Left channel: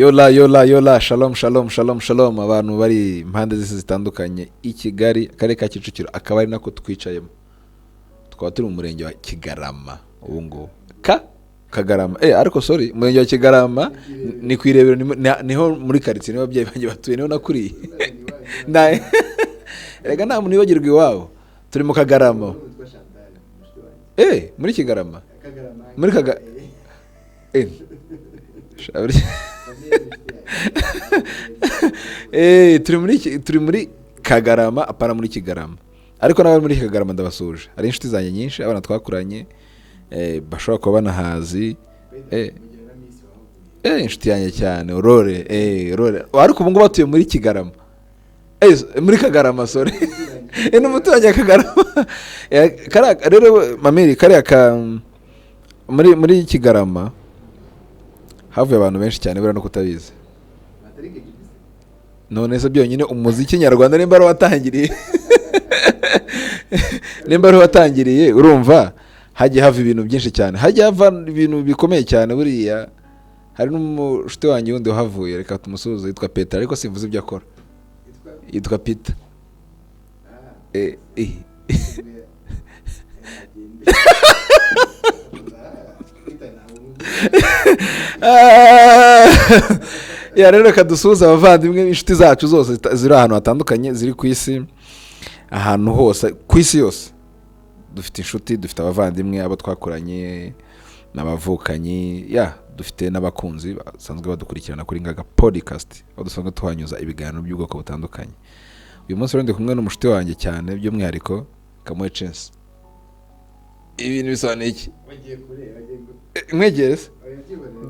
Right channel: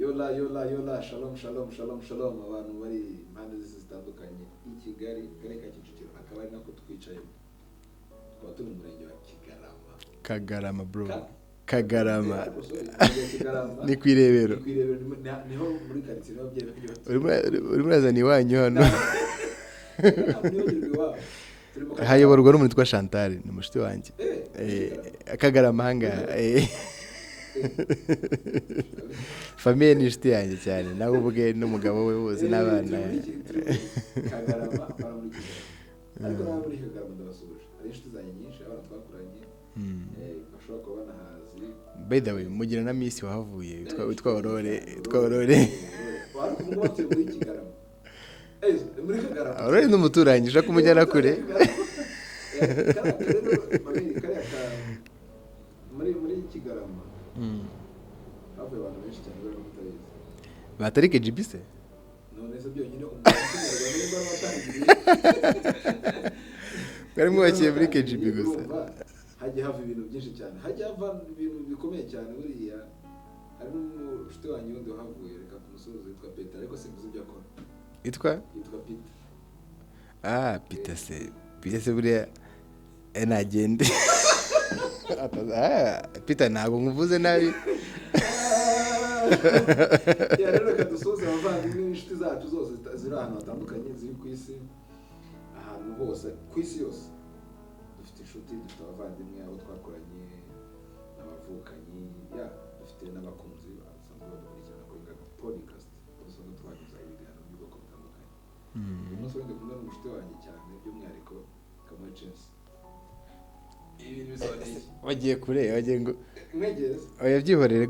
yola shalom abantu bari impande zose zitandukanye i Kigali akarere ka Kicukiro akaba ari nako twicayemo twaba turi mu murenge wa Kigarama Kagarama ariko sorry umurenge wa Kigarama ni kwirebero niho muri quartier niho ababyeyi banjye batuye niho nakuriye urazani wanyu hano rega nta muntu wibagirwa iwabo turi mu Kagarama urwo n'umuntu twa Chantal ni mushiti wanjye muri Kigarama Kagarama muri famille ni shiti yanjye nabo buge n'umugabo we turi muri Kagarama apara muri Kigarama ariko nawe muri Kagarama ndabasuje ari inshuti zanjye nyinshi abana twakuranye bashobora kuba banahazi mugira na Miss wahavuye inshuti yanjye cyane Aurore ariko ubu ngo batuye muri Kigarama muri Kagarama so n'umuturanyi n'umuturanyi Kagarama rero mameri kariya ka muri Kigarama havuye abantu benshi cyane bera no kutabizi batarike GPS none se byonyine umuziki nyarwanda nimba ari watangiriye urumva hagiye hava ibintu byinshi cyane hagiye hava ibintu bikomeye cyane buriya hari n'umushite wanjye wundi wahavuye reka tumusuhuze yitwa Peter ariko simvuze ibyo akora yitwa Peter Peter buriya nagende Peter ntabwo nkuvuze nabi rero kadusuhuza abavandimwe inshuti zacu zose ziri ahantu hatandukanye ziri ku isi ahantu hose ku isi yose dufite inshuti dufite abavandimwe abo twakoranye n'abavukanyi dufite n'abakunzi basanzwe badukurikirana kuri Ngaga podcast aho dusanzwe tuhanyuza ibiganiro by'ubwoko butandukanye uyu munsi rero ndi kumwe n'umushiti wanjye cyane by'umwihariko Kamuhe Chance ibintu bisobanuye iki wagiye kure wagiye ngo mwegereze oyabyihorere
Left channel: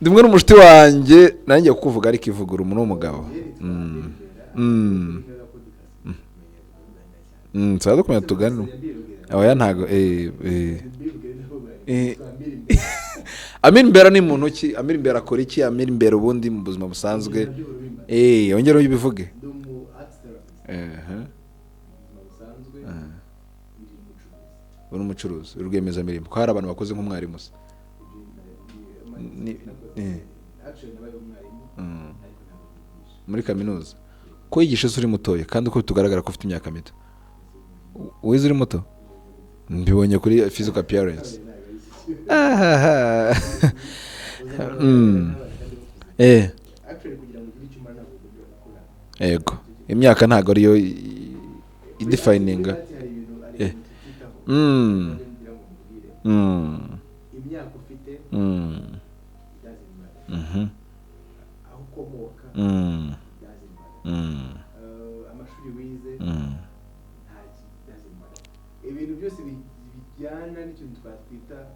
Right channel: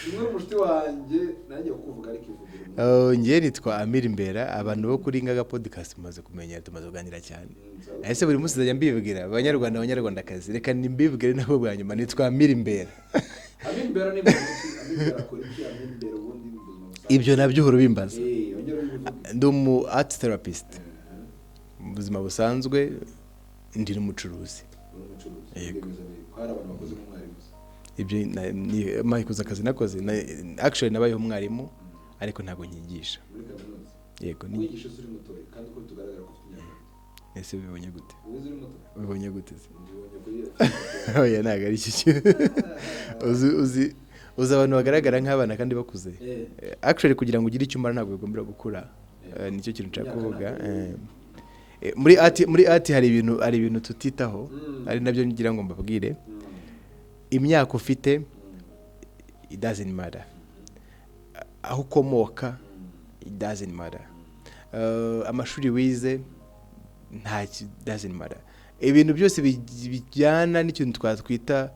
ndimwe n'umushiti wanjye nanjye kukuvuga ariko ivugura umuntu w'umugabo ngiye nitwa Amir Imbera abantu bo kuri Ngaga podcast tumaze kumenya tumaze kuganira cyane tsaza kumenya tuganira mbibwira oya ntago kandi mbibwire nabo bwanyuma nitwa Amir Imbera Amir Imbera ni muntu ki Amir Imbera akora iki Amir Imbera ubundi mu buzima busanzwe ibyo nabyo uhora bimbaza ongera ubivuge ndi umu art therapist mu buzima busanzwe ndi n'umucuruzi rwiyemezamirimo ko hari abantu bakoze nk'umwarimu ibyo mayikuza akazi nakoze actually nabayeho umwarimu ariko ntabwo nyigisha muri kaminuza ko yigisha uri mutoya kandi uko tugaragara ko ufite imyaka mito ese bibonye gute wize uri muto bibonye gute mbibonye kuri physical appearance oya ntago ari iki uzi abantu bagaragara nk'abana kandi bakuze actually kugira ngo ugire icyo umara ntabwo ugombera gukura imyaka ntago ariyo muri ati hari ibintu tutitaho ari nabyo ngira ngo mbabwire imyaka ufite it doesn't matter aho ukomoka it doesn't matter amashuri wize nta doesn't matter ibintu byose bijyana n'ikintu twatwita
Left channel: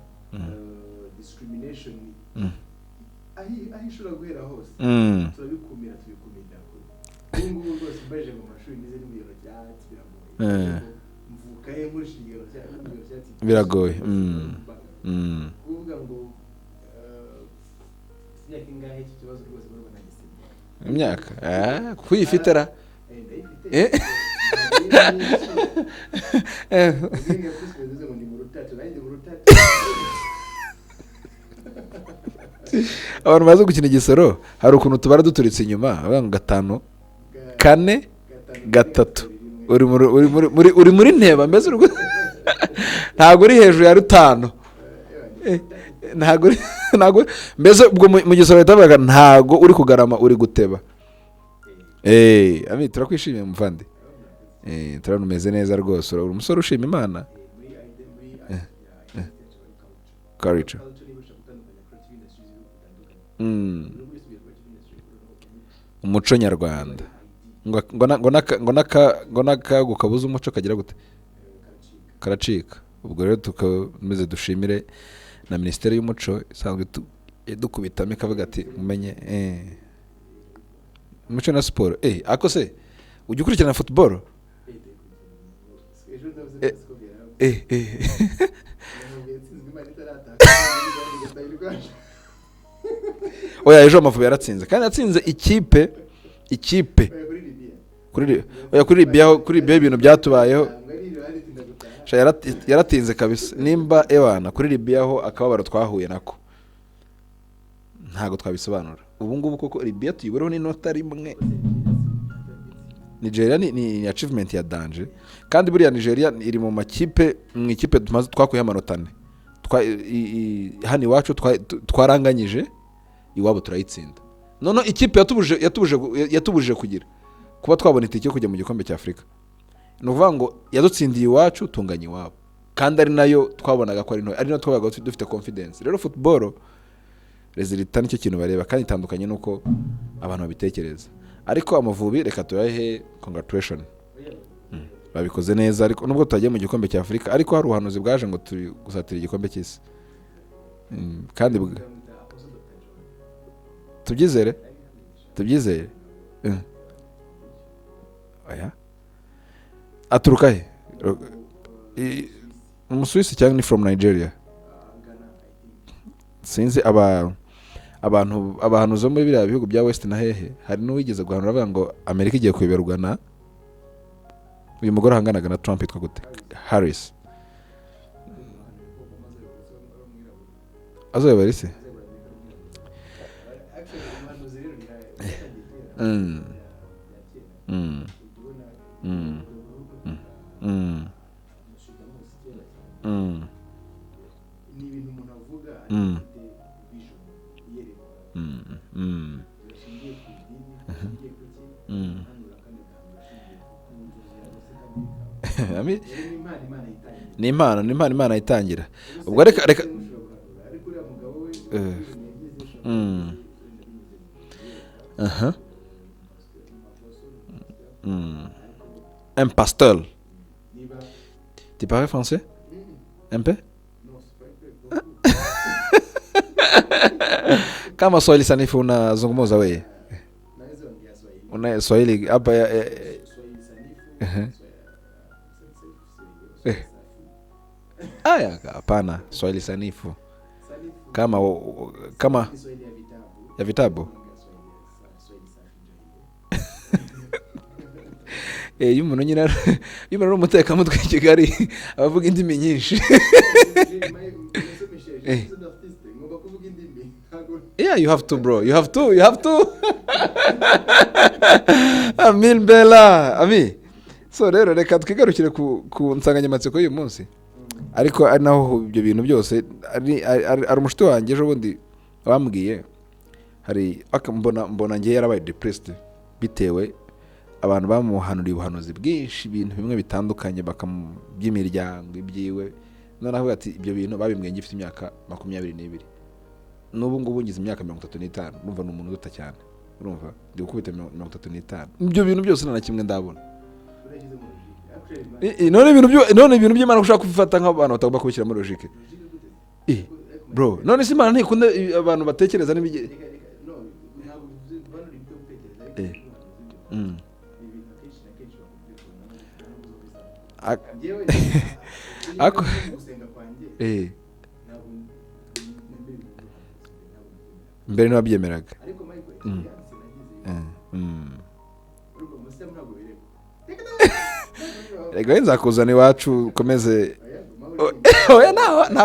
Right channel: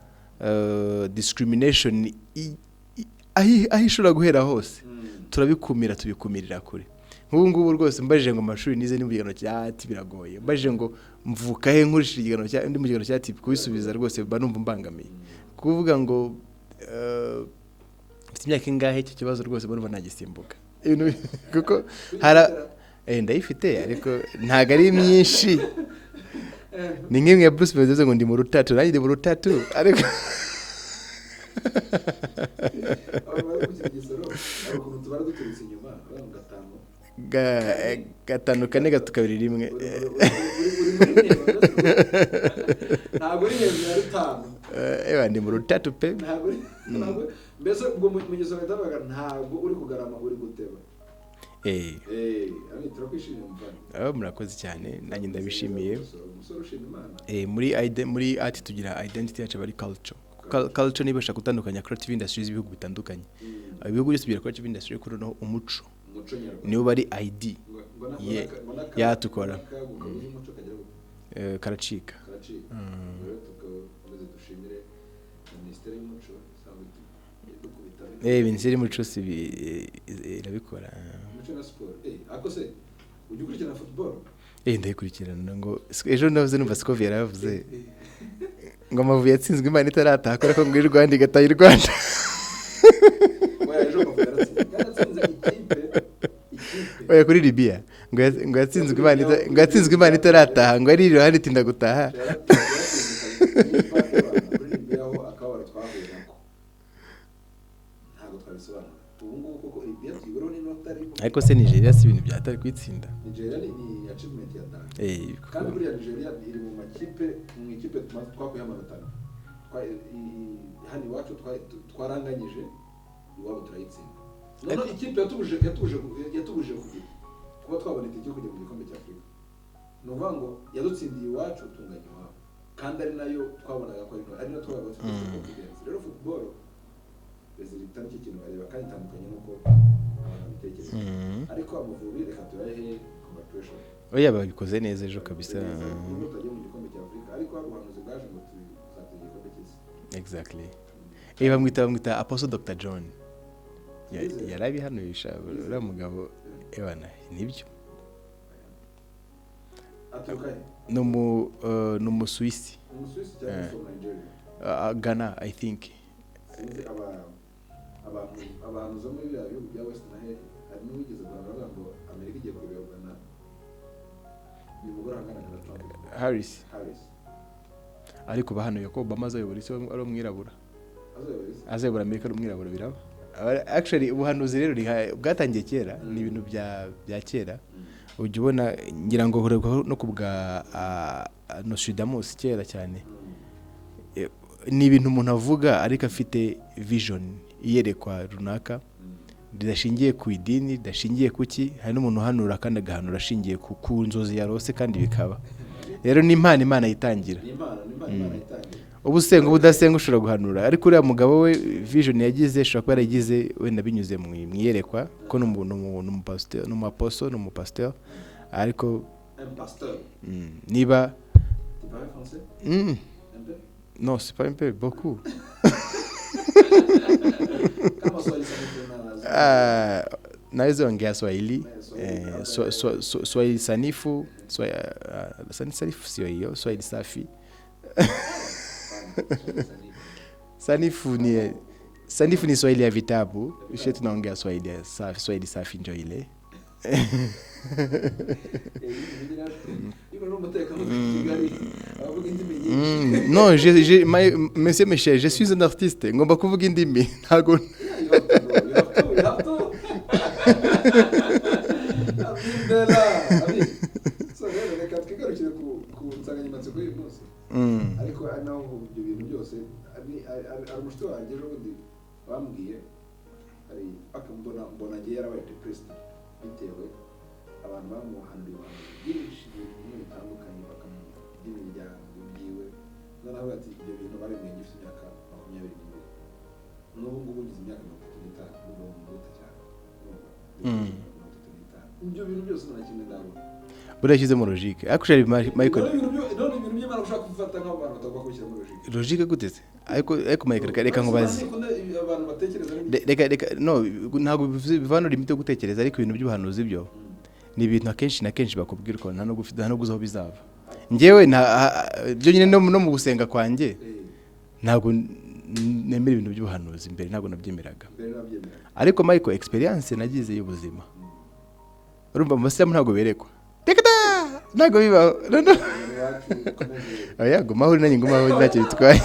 discrimination aho ishobora guhera hose turabikumira tubikumirira kure ubu ngubu rwose mbajije ngo amashuri nize n'umugano cyati biragoye mbajije ngo mvuka he nkurishije igano cya ndi mugano cyati biragoye rwose mba numva mbangamiye kuvuga ngo ufite imyaka ingahe icyo kibazo rwose mbona nagisimbuka imyaka kwifitara ndayifite ariko ntago ari myinshi ni nk'imwe ya Bruce Willis ngo ndi mu rutatu nanjye ndi mu rutatu ariko abantu bazi gukina igisoro hari ukuntu tubara duturitse inyuma avuga ngo 5 4 3 uri muri nteba mbese ntago uri hejuru ya 5 ndi mu rutatu pe ntago mbese ubwo mu gisoro bitavuga ntago uri kugarama uri guteba ami turakwishimiye muvandi murakoze cyane turameze neza rwose uri umusore ushima Imana muri art tugira identity yacu bari culture nibasha gutandukanya creative industries ibihugu bitandukanye ibihugu byose bigira creative industry kuri no umuco nyarwanda niyo bari ID ngo naka gukabuza umuco kagira gute karacika ubwo rero tukameze dushimire na Ministeri y'Umuco isanzwe dukubitamo ikavuga ati irabikora umuco na siporo ako se ujya ukurikirana football ndayikurikirana ngo ejo navuze numva Scovi yaravuze ngo Amavubi yatsinzwe Imana itarataka ko muri Rwanda igataye Rwanda oya ejo Amavubi yaratsinze kandi yatsinze ikipe oya kuri Libya ngo yatsinzwe Imana itarataka ngo ari iruhande tinda gutaha yaratinze kabisa nimba ewana kuri Libya ho akababaro twahuye nako ntago twabisobanura ubu ngubu koko Libya tuyibereho n'inota rimwe ariko se Nigeria si ibintu byatari kwitsinda. Nigeria ni achievement ya danger kandi buriya Nigeria iri mu makipe mu ikipe twakuye amanota 4 hano iwacu twaranganyije iwabo turayitsinda none ikipe yatubuje kugira kuba twabona itike kujya mu gikombe cya Afrika no kuvuga ngo yadutsindiye iwacu tunganya iwabo kandi ari nayo twabonaga ko ari no twabaga dufite confidence. Rero football resultat nicyo kintu bareba kandi itandukanye nuko abantu babitekereza ariko Amavubi reka turahe congratulation oya babikoze neza ariko nubwo tutagiye mu gikombe cya Afrika ariko hari ubuhanuzi bwaje ngo turi gusatira igikombe cy'isi. Exactly. Kandi mwita Apostle Dr. John tubyizere tubyizere umugabo ebana nibyo oya aturuka he no mu Swiss cyangwa ni from Nigeria Ghana I think sinzi abantu zo muri biriya bihugu bya West na hehe hari n'uwigeze guhanura avuga ngo Amerika igiye kuyoberwa na uyu mugore ahanganaga na Trump yitwa gute Harris ariko bahanuye ko Obama azayobora isi ari umwirabura azayobora Amerika ari umwirabura biraba actually ubuhanuzi rero bwatangiye kera ibintu bya kera ujya ubona ngira ngo no kubwa Nostradamus kera cyane ni ibintu umuntu avuga ariko afite vision iyerekwa runaka ridashingiye ku idini ridashingiye kuki hari n'umuntu uhanura kandi agahanura ashingiye ku nzozi yarose kandi bikaba rero ni impano Imana yitangira ni impano Imana yitangira ubu se udasenga ushobora guhanura ariko uriya mugabo we vision yagize ashobora kuba yaragize wenda binyuze mu iyerekwa ko n'umupasteur ariko un pasteur niba tu parles français un peu non c'est pas un peu beaucoup kama Swahili sanifu unazungumza wewe naweza ongea Swahili Swahili hapa Swahili sanifu sanifu sio hiyo Swahili safi hapana Swahili sanifu kama sanifu ni Swahili ya vitabu tunaongea Swahili safi ndio ile y'umuntu nyina y'umuntu n'umuteka mutwe Kigali abavuga indimi nyinshi non monsieur Michel je suis un artiste ngomba kuvuga indimi ntago you have to bro you have to Amin Bella Ami so rero reka twigarukire ku nsanganyamatsiko y'uyu munsi ariko ari naho ibyo bintu byose ari umushito wanjye ejo bundi bambwiye hari mbona ngiye yarabaye depressed bitewe abantu bamuhanuriye ubuhanuzi bwinshi ibintu bimwe bitandukanye by'imiryango ibyiwe none avuga ati ibyo bintu babimwenye gifite imyaka 22 n'ubu ngubu ngize imyaka 35 numva ni umuntu uta cyane urumva ndikubita 35 ibyo bintu byose nta kimwe ndabona burashyize mu logique actually none ibintu by'Imana ushaka kufata nk'abantu batagomba kubishyira muri logique gute se ariko none Imana ntikunda abantu batekereza reka no ntabwo bivanura imite yo gutekereza ariko ibintu by'ubuhanuzi byo ni ibintu akenshi na kenshi bakubwira ko nta no guzaho bizaba njyewe byo nyine no mu gusenga kwanjye ntabwo nemera ibintu by'ubuhanuzi mbere ntabwo nabyemeraga ariko Michael experience nagize y'ubuzima urumva mu basilamu ntabwo berekwa ntabwo bibaho reka nzakuzana iwacu komeze yego mahuri nanjye ngoma cyitwaye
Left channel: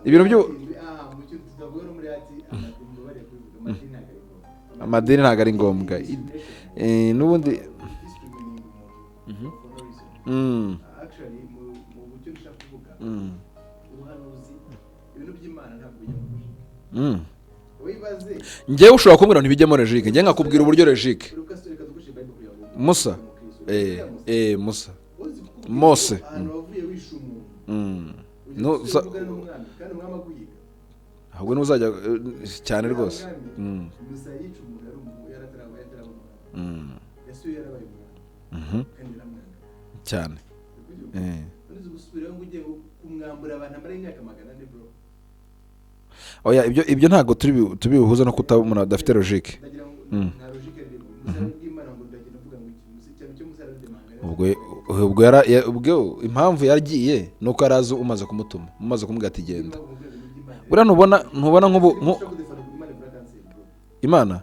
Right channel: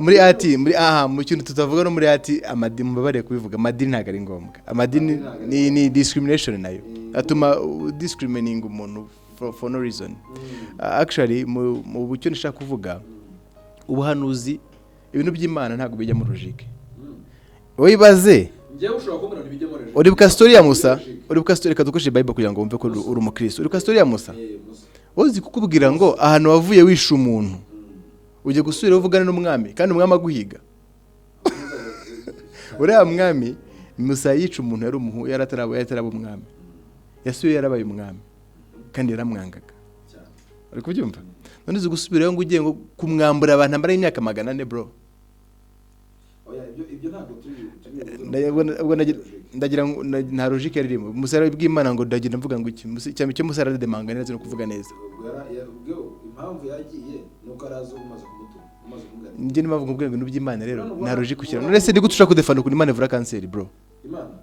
muri ati mu kintu tutavuga no muri ati amadini mubabare kubivuga amadini ntabwo ari ngombwa amadini ni discrimination nayo atuma discriminating umuntu for no reason actually mu bucyo nishaka kuvuga ubuhanuzi ibintu by'Imana ntabwo bijya muri logique wibaze ngewe ushobora kumbwira ntibijye muri logique uri story ya Musa uri story kadukoresha Bible kugira ngo wumve ko uri umukristo uri story ya Musa Musa uzi kukubwira ngo ahantu wavuye wisha umuntu uje gusubira uvugana n'umwami kandi umwami aguhiga ahubwo n'uzajya cyane uriya mwami Musa yica umuntu yari ataraba umwami yasuye yarabaye umwami kandi yaramwangaga cyane uri kubyumva none uzi gusubirayo ngo ugiye ngo kumwambura abantu ambara imyaka 400 bro oya ibyo ntago tubihuza no kutabona adafite logique ndagira nta logique yarimo Musara bw'Imana ngo ndagira mvuga ngo iki cyo Musara demanga neza no kuvuga neza ubwo impamvu yagiye nuko arazo umaze kumutuma umaze kumubwira ati ngiye nimavuga ubwo ibintu by'Imana rero ntubona ngo ndi gutushaka kudefana kuri Imana ivura cancer bro Imana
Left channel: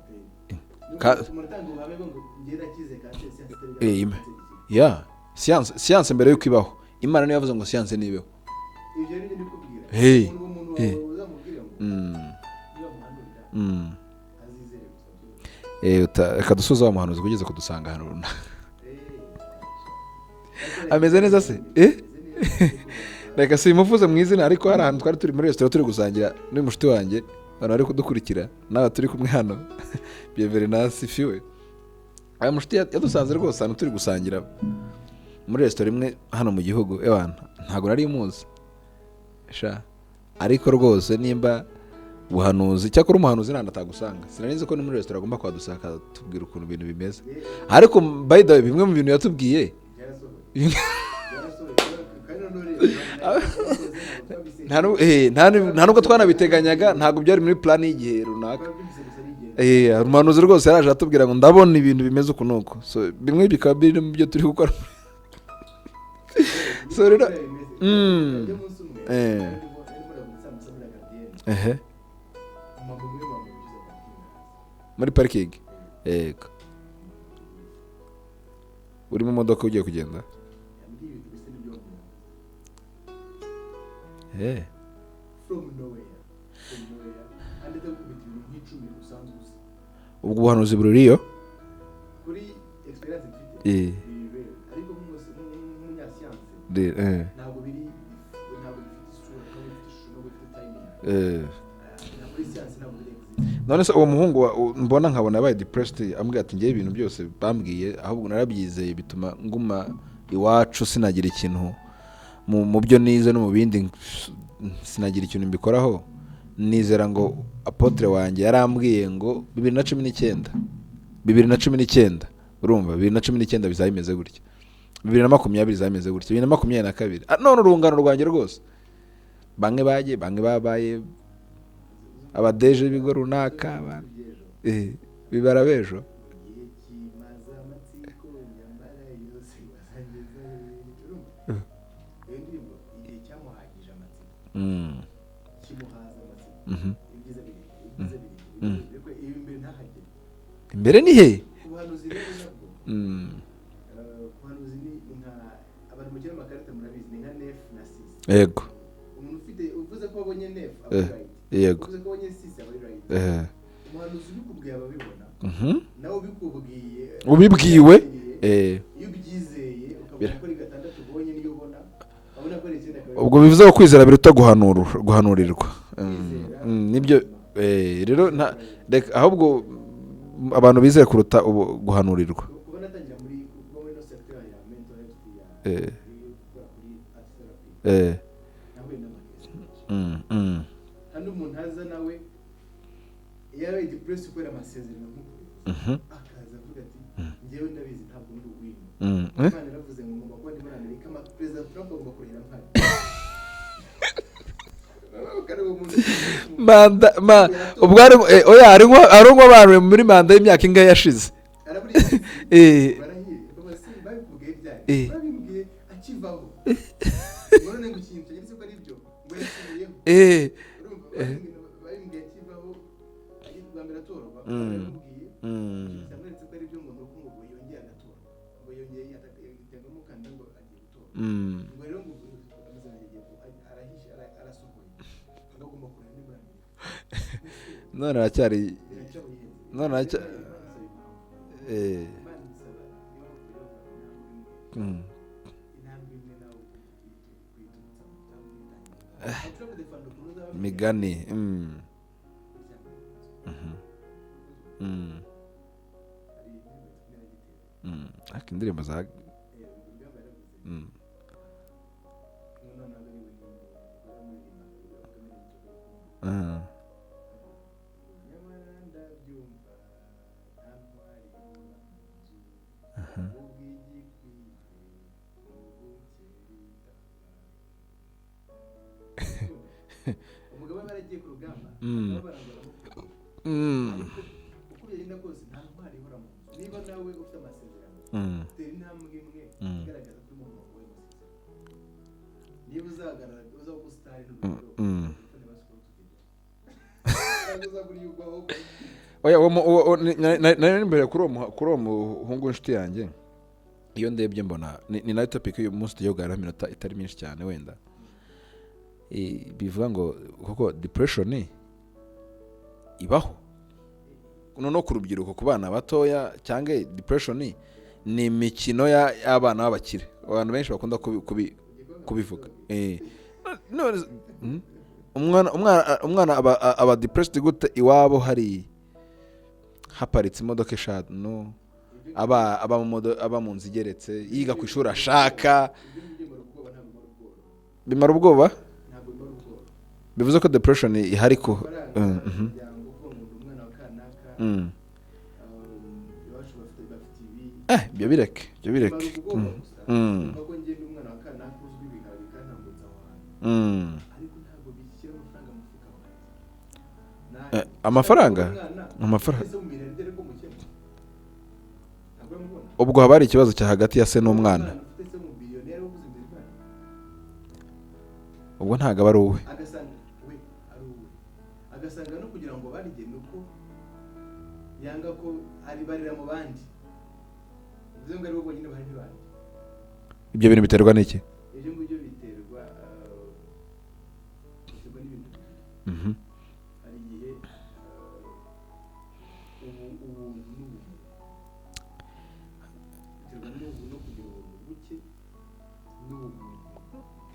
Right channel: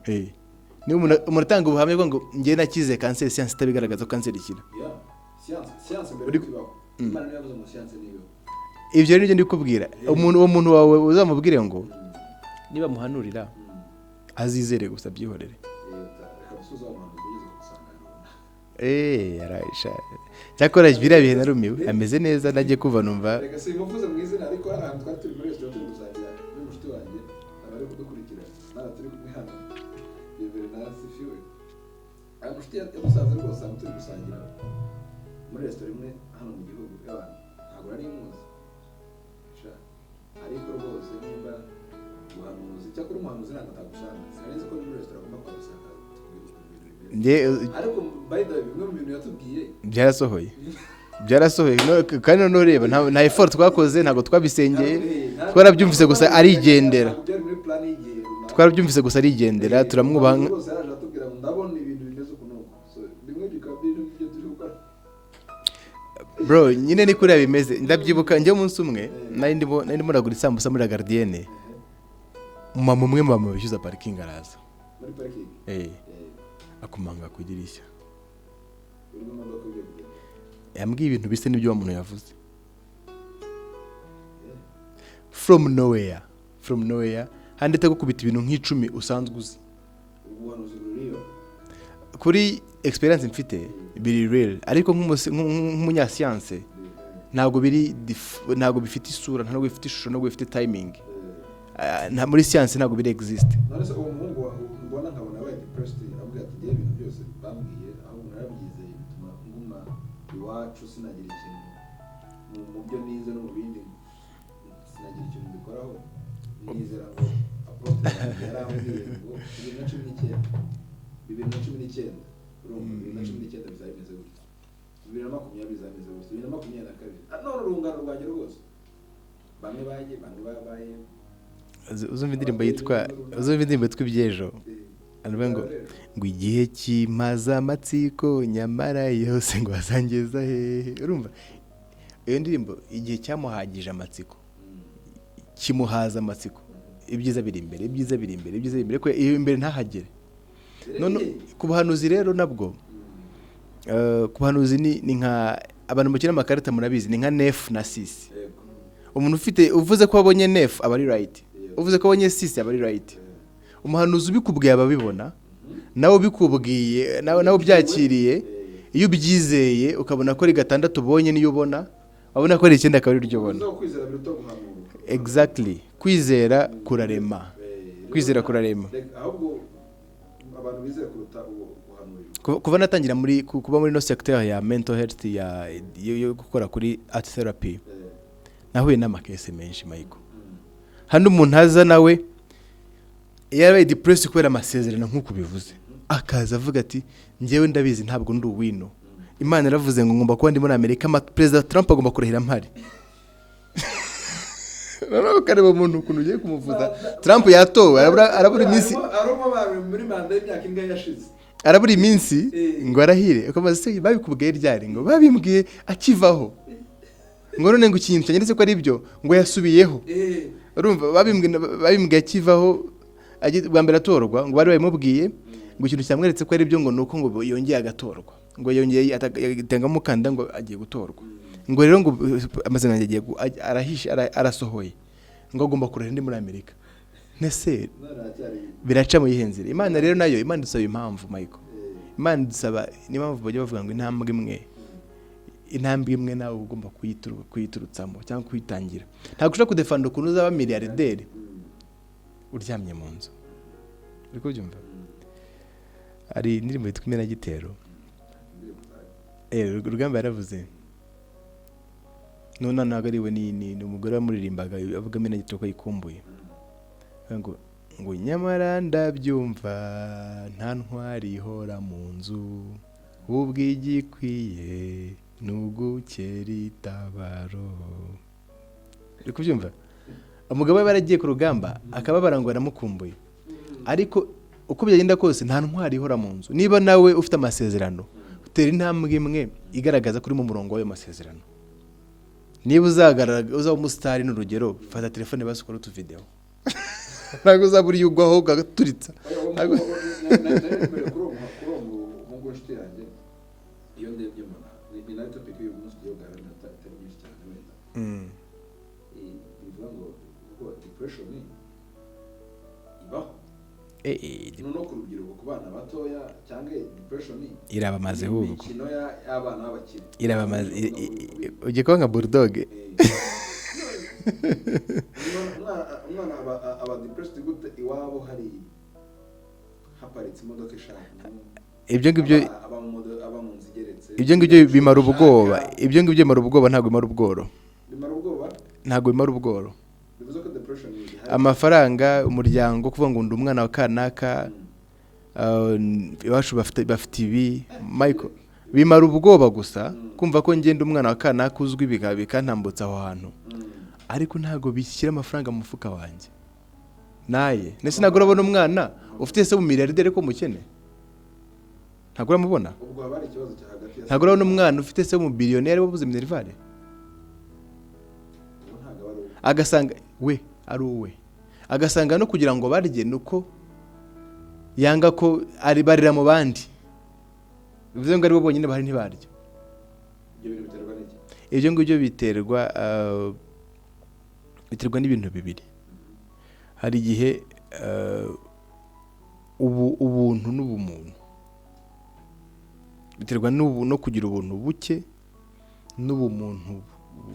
ni umurutanga ubuhamye ngo ngiye nakize cancer science tabigaragaza cancer ikira science mbere yuko ibaho Imana niyo yavuze ngo science nibeho ibyo rero ndi kubwira uwo muntu wawe uzamubwire ngo niba muhanurira azizere gusa byihoreye reka dusuze wa muhanuzi ugeze kudusanga hano runaka yarayisha cyakora ibirabyo narumiwe ameze neza nagiye kuva numva reka simuvuze mu izina ariko hari ahantu twari turi muri resitora turi gusangira n'umushuti wanjye abantu bari kudukurikira n'aba turi kumwe hano Bienvenance fiwe aya mushuti yadusanze rwose hano turi gusangira muri resitora imwe hano mu gihugu ntabwo nari muzi ariko rwose nimba buhanuzi cyakora umuhanuzi nta atagusanga sinanize ko no muri resitora agomba kwadusaka tubwira ukuntu ibintu bimeze ariko by the way bimwe mu bintu yatubwiye byarasohoye kandi none reba nta effort twakoze ntabwo twabisenyeye twarabyumvise gusa arigendera ntabwo byari muri plan y'igihe runaka twarabyumvise gusa arigendera turamubaza rwose yaraje atubwira ngo ndabona ibintu bimeze uku nuko so bimwe bikaba biri mu byo turi gukora bro nyine ni kuri bimeze ndabyibuka njye umunsi umwe nari ndimo ndagura isambusa muri Gardienne mama umwe mama bishyuza parking araza muri parking yego akumanga ku idirishya uri mu modoka ugiye kugenda yambwiye ibintu bise n'ibyo wa muntu yavuze from nowhere handite gukubita ibintu nk'icumi usanzwe uzi ubwo buhanuzi buririyo kuri experience mfite biri real ariko nk'umunyasiyanse ntabwo bifite isura ntabwo bifite ishusho ntabwo bifite timing muri siyanse ntabwo biri exist. None se uwo muhungu mbona nkabona yabaye depressed ambwira ati ngiye ibintu byose bambwiye ahubwo narabyizeye bituma nguma iwacu sinagira ikintu mu byo nize no mu bindi sinagira ikintu mbikoraho nizera ngo apotre wanjye yarambwiye ngo 2019 urumva 2019 bizayimeze gutya 2020 bizayimeze gutya 2022 none urungano rwanjye rwose bange babaye abadeje nibwo runaka uzumva tw'ibyejo bibarabejo ngo igihe kimaza amatsiko nyamara yose ngo azangeza hehe urumva iyo ndirimbo igihe cyamuhagije amatsiko kimuhaza amatsiko ibyiza biri imbere ko iyo imbere ntahagere imbere ni he ku buhanuzi rero nabwo ku buhanuzi ni nka abantu mukina amakarita murabizi ni nka nef na sisi yego umuntu uvuze ko wabonye nef aba ari right uvuze ko wabonye sisi aba ari right umuhanuzi ubikubwiye ababibona nawe ubikubwiye nawe ubyakiriye iyo ubyizeye ukabona ko ari gatandatu ubonye niyo ubona abona ko ari icyenda kabiri ubwo bivuze ko kwizera biruta guhanurirwa kwizera kurarema ahubwo abantu bizeye kuruta guhanurirwa kuva natangira kuba muri no sector ya mental health yo gukora kuri art therapy nahuye n'amakese menshi hano umuntu aza nawe yarabaye depressed kubera amasezerano nk'uko bivuze akaza avuga ati njyewe ndabizi ntabwo ndi uwino Imana yaravuze ngo ngomba kuba ndi muri Amerika President Trump agomba kurahira mpari rero kareba umuntu Trump yatora arongwa abantu muri manda y'imyaka ingahe yashize araburi iminsi ngo arahire ukomaze se babikubwiye ryari ngo babimbwiye akivaho ngo none ngo ikintu cyanyeretse ko ari byo ngo yasubiyeho urumva babimbwiye akivaho bwa mbere atorwa ngo bari babimubwiye ngo ikintu cyamweretse ko ari byo ngo nuko ngo yongeye agatorwa ngo yongeye atanga mukanda ngo agiye gutorwa ngo rero ngo amazina yagiye arahisha arasohoye ngo agomba kurera ndi muri Amerika nese none aracyari biraca mu yihenzire Imana rero nayo Imana dusaba impamvu Michael Imana dusaba ni impamvu bajya bavuga ngo intambwe imwe nawe ugomba kuyiturutsamo cyangwa kuyitangira ntabwo ushaka kudefanda ukuntu uzaba miliyarderi uryamye mu nzu uriko byumva ari indirimbo yitwa Imena Gitero indirimbo za Rugamba yaravuze none ntabwo ariwe ni umugore wamuririmbaga avuga Imena Gitero ko yikumbuye ngo nyamara ndabyumva nta ntwari ihora mu nzu ubwigikwiye nugukera itabaro uriko byumva umugabo we baragiye ku rugamba akaba barangwa namukumbuye ariko uko byagenda kose nta ntwari ihora mu nzu niba nawe ufite amasezerano utera intambwe imwe igaragaza kuri mu murongo w'ayo masezerano niba uzaba umusitari n'urugero fata telefone basukora utuvideo ntabwo uzaburiye ugwaho ugaturitsa nari kuri uwo muhungu w'inshuti yanjye iyo ndebye mbona ni nayo topic y'uyu munsi tugiye kuganira iminota itari myinshi cyane wenda bivuga ngo kuko depression ibaho no ku rubyiruko ku bana batoya cyangwa depression ni imikino y'abana b'abakire ugikora nka bulldog umwana aba depressed gute iwabo hari haparitse imodoka eshanu aba mu nzu igeretse ibyo ngibyo bimara ubwoba bimara ubwoba ntabwo bimara ubwoba ntabwo bimara ubworo bivuze ko depression ihari amafaranga umuryango kuvuga ngo ndi umwana wa kanaka iwacu bafite ibi bimara ubwoba gusa kumva ko ngenda umwana wa kanaka uzwi bikantambutsa aho hantu ariko ntabwo bishyira amafaranga mu mufuka wanjye naye ntabwo urabona umwana ufite se umumiliyarderi ko mukene ntabwo uramubona ubwo haba hari ikibazo cya hagati ya se n'umwana ntabwo urabona umwana ufite se umubillionaire wabuze minerivare ubwo ntabwo aba ari uwe agasanga we ari uwe agasanga no kugira ngo barye nuko yanga ko ari barira mu bandi bivuze ngo ari bo bonyine bahari ntibarya ibyo bintu biterwa n'iki ibyo ngibyo biterwa n'ibintu bibiri hari igihe ubuntu n'ubumuntu biterwa no kugira ubuntu buke n'ubumuntu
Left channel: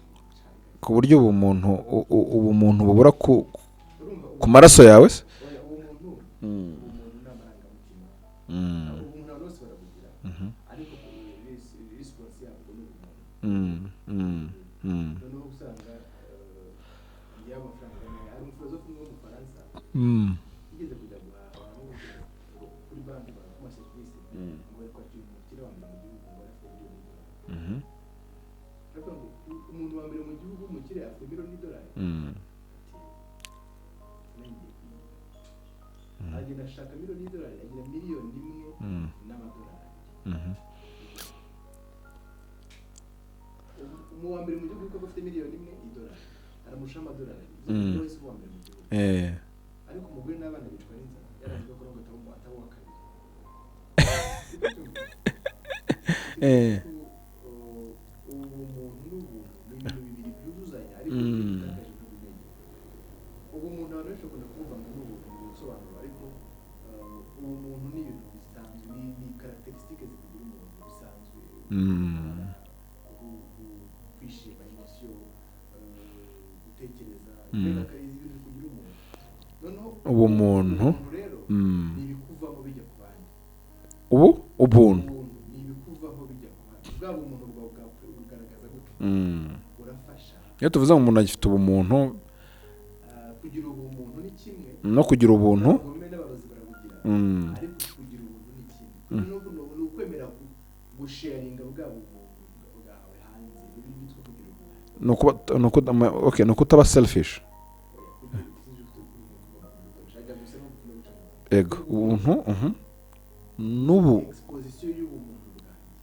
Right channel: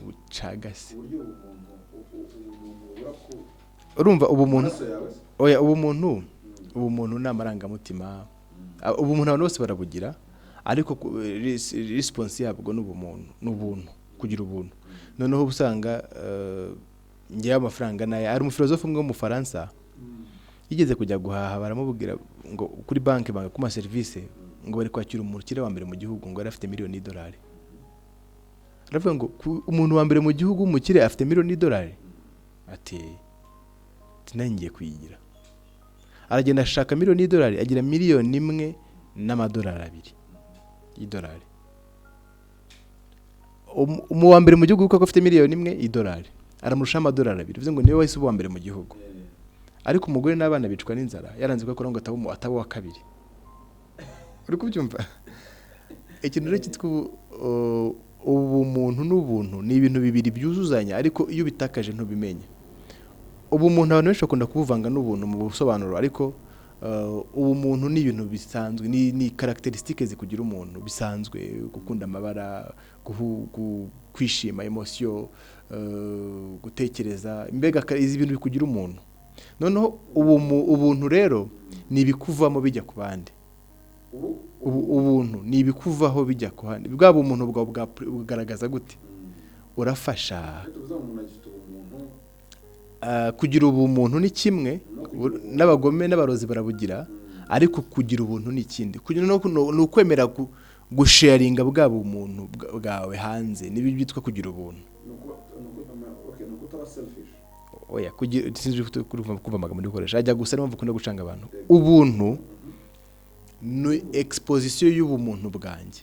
bucagase ku buryo ubumuntu bubura ku maraso yawe se oya ubumuntu ni amarangamutima ubumuntu abantu bose barabugira ariko response yabwo n'ubuntu kugira ubuntu noneho usanga ngewe amafaranga nayo ari umufilozofe umwe w'umufaransa yigeze kujya guhaha baramubwira ngo kuri banki banga kuma serivisi ngo bari kwakira umukire wa mbere mu gihugu ngo yari afite $1 million aravuga ngo umuntu wa mbere mu gihugu umukire afite $1 million ati ngiye kuyigira aragenda ashaka $1 million agira $1,000,000 n'amadolari 2 y'idolari umu wa mbere mu gihugu kuko afite $1,000,000 aramurusha amadolari 2 bivuze ngo niwe wahise uba mbere mu gihugu ariko umugore n'abana bicwa n'inzara yaranze ko ngo ataba wa kabiri uri kubyumva ikintu cyitwa ubumuntu n'ubuntu ni ibintu bibiri byuzuzanya ariko iyo bitakaje ntubimenye ubumuntu abantu benshi bakunda kubuvanga n'ubuntu mu busobanuro ariko ubumuntu ni ibintu bisanzwe ni characteristics zikugira umuntu bisanzwe gukunda amabara kwishima emotion gutekereza mbega izi bintu bikugira umuntu noneho ubuntu rero ni ibikuvamo bijya ku bandi ubuntu ni ibikuvaho bijya ku bandi bwa bumuntu bugaragaza gute urafasha iyo tuvuze ngo umuntu agifite ubumuntu kugira ubumuntu ni kimwe no kugira ubuntu n'abagome n'abarozi barabugira ariko kugira ubuntu ni ikindi kugira ni ukwemera gusharinga bwa bumuntu bwawe hanze nibi byitwa kugira ubuntu no kutaba selfish oya kugira sinzi kuva amagambo ndikoresha ajya gusa niyo mvuga gucanga abantu ubuntu ni exposition y'ubumuntu bwanjye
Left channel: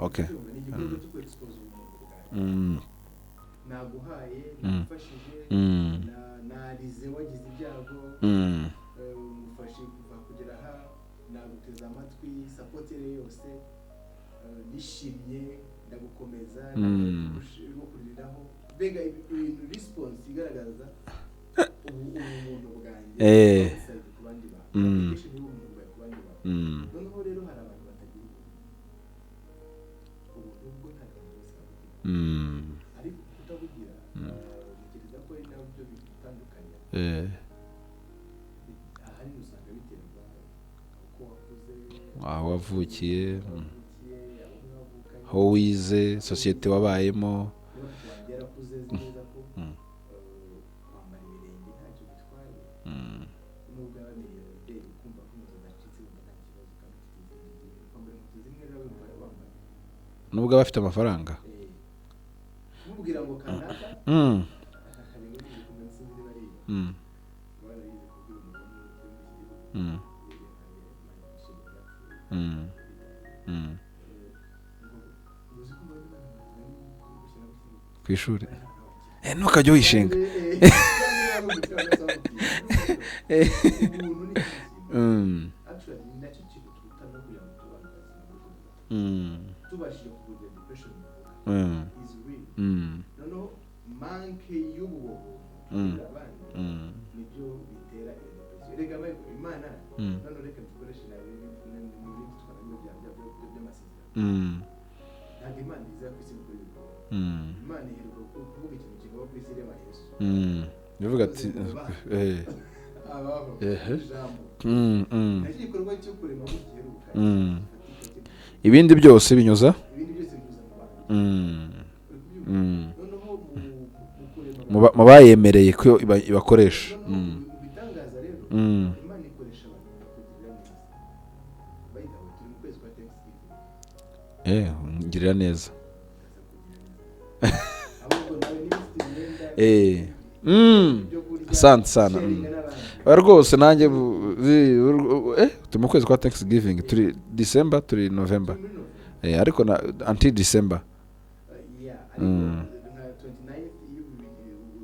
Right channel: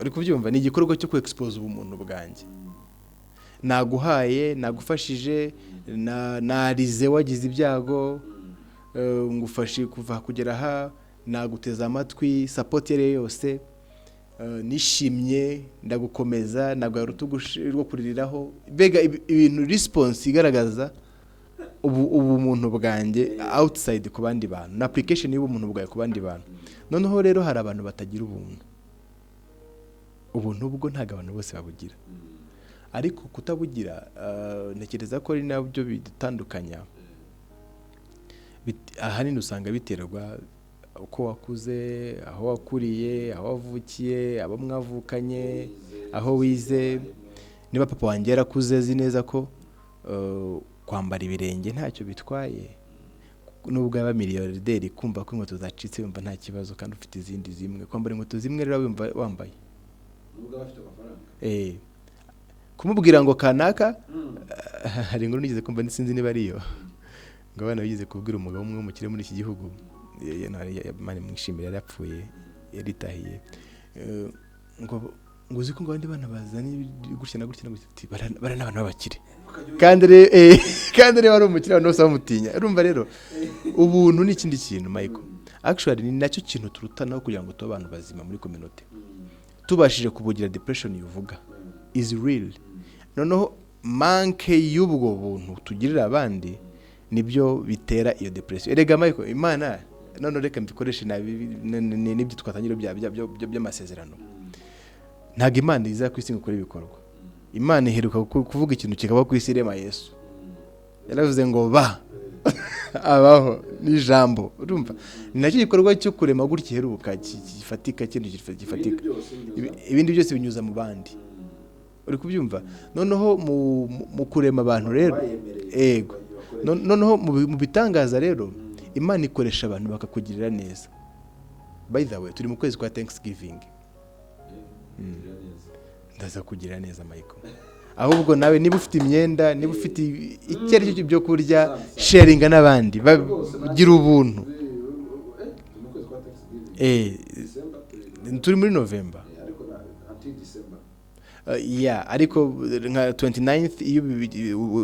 ariko byumva ni igikorwa cyo ku expose ubumuntu bwanjye naguhaye nagufashije narize wagize ibyago ngufashe kuva kugera aha naguteza amatwi support yose nishimye ndagukomeza nagwa rutugu rwo kuririraho bega ibintu response igaragaza ubumuntu bwanjye outside ku bandi bantu na application y'ubumuntu bwawe ku bandi bantu noneho rero hari abantu batagira ubuntu bwo ntago abantu bose babugira ariko kutabugira ntekereza ko ari nabyo bitandukanya ahanini usanga biterwa uko wakuze aho wavuriye aho wavukiye abo mwavukanye aho wize society wabayemo niba papa wanjye yarakuze azi neza ko kwambara ibirenge ntacyo bitwaye nubwo aba miliyarderi kumva ko inkweto zacitse yumva nta kibazo kandi ufite izindi zimwe kwambara inkweto zimwe rero wambaye nubwo aba afite amafaranga kumubwira ngo kanaka hari inkuru nigeze kumva sinzi niba ariyo ngo abana bigize kubwira umugabo umwe w'umukire muri iki gihugu mani mwishimira yarapfuye yaritahiye ngo uzi ko ngo abandi bana bazanye gutya na gutya bari n'abantu b'abakire ntukajye wishima kandi rero ari umukire abantu bose bamutinya urumva rero ubuntu ni ikindi kintu actually ni nacyo kintu turutanaho kugira ngo tube abantu bazima muri community tubashije kubugira depression yuvuga is real noneho manke y'ubwo buntu tugirira abandi nibyo bitera iyo depression. Erega Michael, Imana none reka mbikoreshe n'ibyo twatangira by'amasezerano. Ntago Imana iza ku isi gukora ibikorwa. Imana iheruka kuvuga ikintu kikaba ku isi irema Yesu. Yaravuze ngo ba abaho n'ijambo. Nacyo gikorwa cyo kurema gutya iheruka gifatika kintu gifatika. Ibindi byose binyuza mu bandi. Uri kubyumva? Noneho mu kurema abantu rero bayemereye ko bakoresha. Noneho mu bitangaza rero Imana ikoresha abantu bakakugirira neza. By the way, turi mu kwezi kwa Thanksgiving. Ngirira neza. Ndaza kugira neza Michael. Ahubwo nawe niba ufite imyenda, niba ufite ikintu byo kurya, sharinga n'abandi. Rwose nanjye gira ubuntu. Turi mu kwezi kwa Thanksgiving, turi December, turi November. Turi muri November. Ariko until December. Ariko nka 29th iyo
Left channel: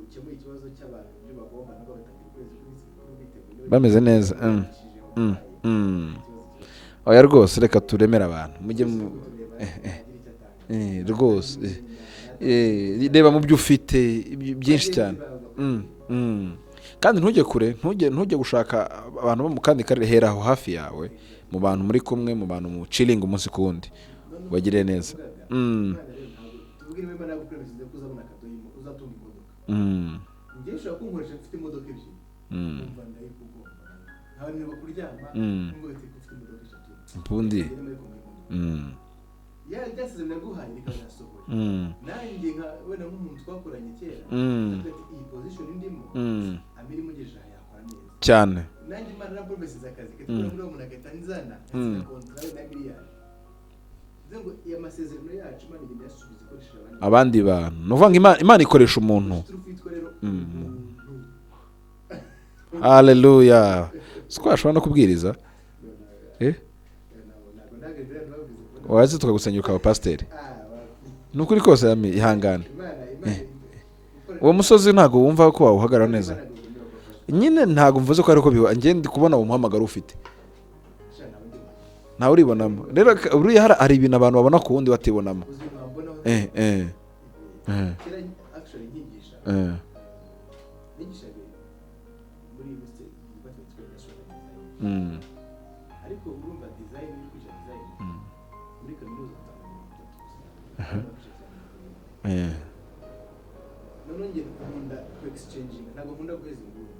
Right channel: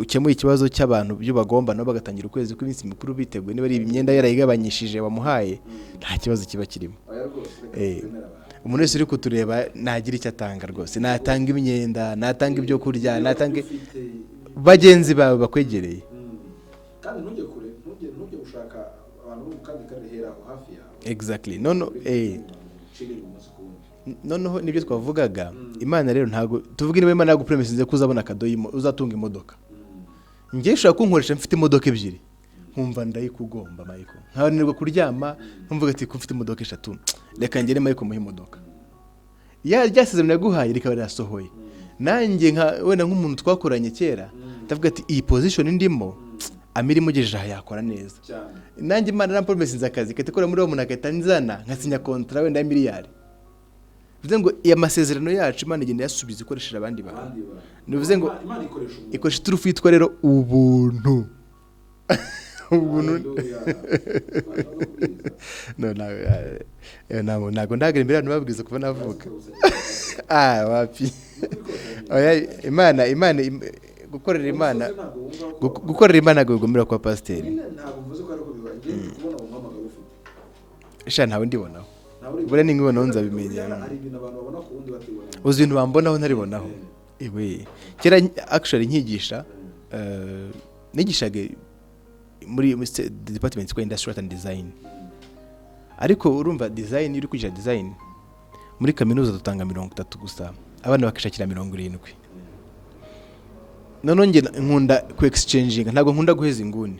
ukemuye ikibazo cy'abantu byo bagomba no bagatangira ukwezi kw'iminsi mikuru biteguye niba ari imyenda yarayigabanyishije wamuhaye nta kibazo kiba kirimo. Rwose reka turemera abantu. Umuntu wese uri kutureba nagira icyo atanga rwose, natanga imyenda, natanga ibyo kurya, reba mu byo ufite bagenzi bawe bakwegereye. Kandi ntujye kure, ntujye gushaka abantu bo mu kandi karere, hera aho hafi yawe. Exactly. Mu bantu muri kumwe, mu bantu mu chilling umunsi kundi. Noneho nibyo twavugaga. Imana rero ntago tuvuga niba Imana yagupromisinze ko uzabona kadoyi uzatunga imodoka. Ngiye ushaka kunkoresha mfite imodoka ebyiri. Nkumva ndayikugomba Michael. Ntabanirwa kuryama, nkumvuga ati ko mfite imodoka 3. Reka ngere Michael mu imodoka. Ryasezerano yaguhaye rikaba ryasohoye. Nanjye wenda nk'umuntu twakoranye kera ndavuga ati iyi position ndimo amiri mugejeje aha yakora neza cyane. Nanjye Imana na promises akazi katikora muri uwo muntu akatanzana nkasinya contract wenda miliyari. Bivuze ngo iya masezerano yacu Imana igenda yasubiza ikoresheje abandi bantu. Nuvuga Imana ikoresha umuntu. Ikoresha turufu yitwa rero ubuntu. Hallelujah. Sikwashobora no kubwiriza. Ntago ndagera imbere abantu babwiza kuva naho. Wazi tukagusanya kwa pastor. Wapi. Nukuri kose ihangane. Imana gukorera uwo musozi ntago wumva ko wawuhagarara. Gukorera Imana ntago bigomera kwa pastor. Nyine ntago mvuze ko ariko biwa ngende kubona uwo muhamagaro ufite. Ntawe ndibona. Ntawe uribona. Uri hari ibintu abantu babona ku wundi batibonamo. Uzi ibintu bambonaho ntaribonamo. Kera actually nkigisha nigishaga muri department kwa industrial and design. Ariko urumva design iri kwigisha design muri kaminuza dutanga 30 gusa, abana bakishakira 70. None nge nkunda ku exchanging, ntago nkunda guheza inguni.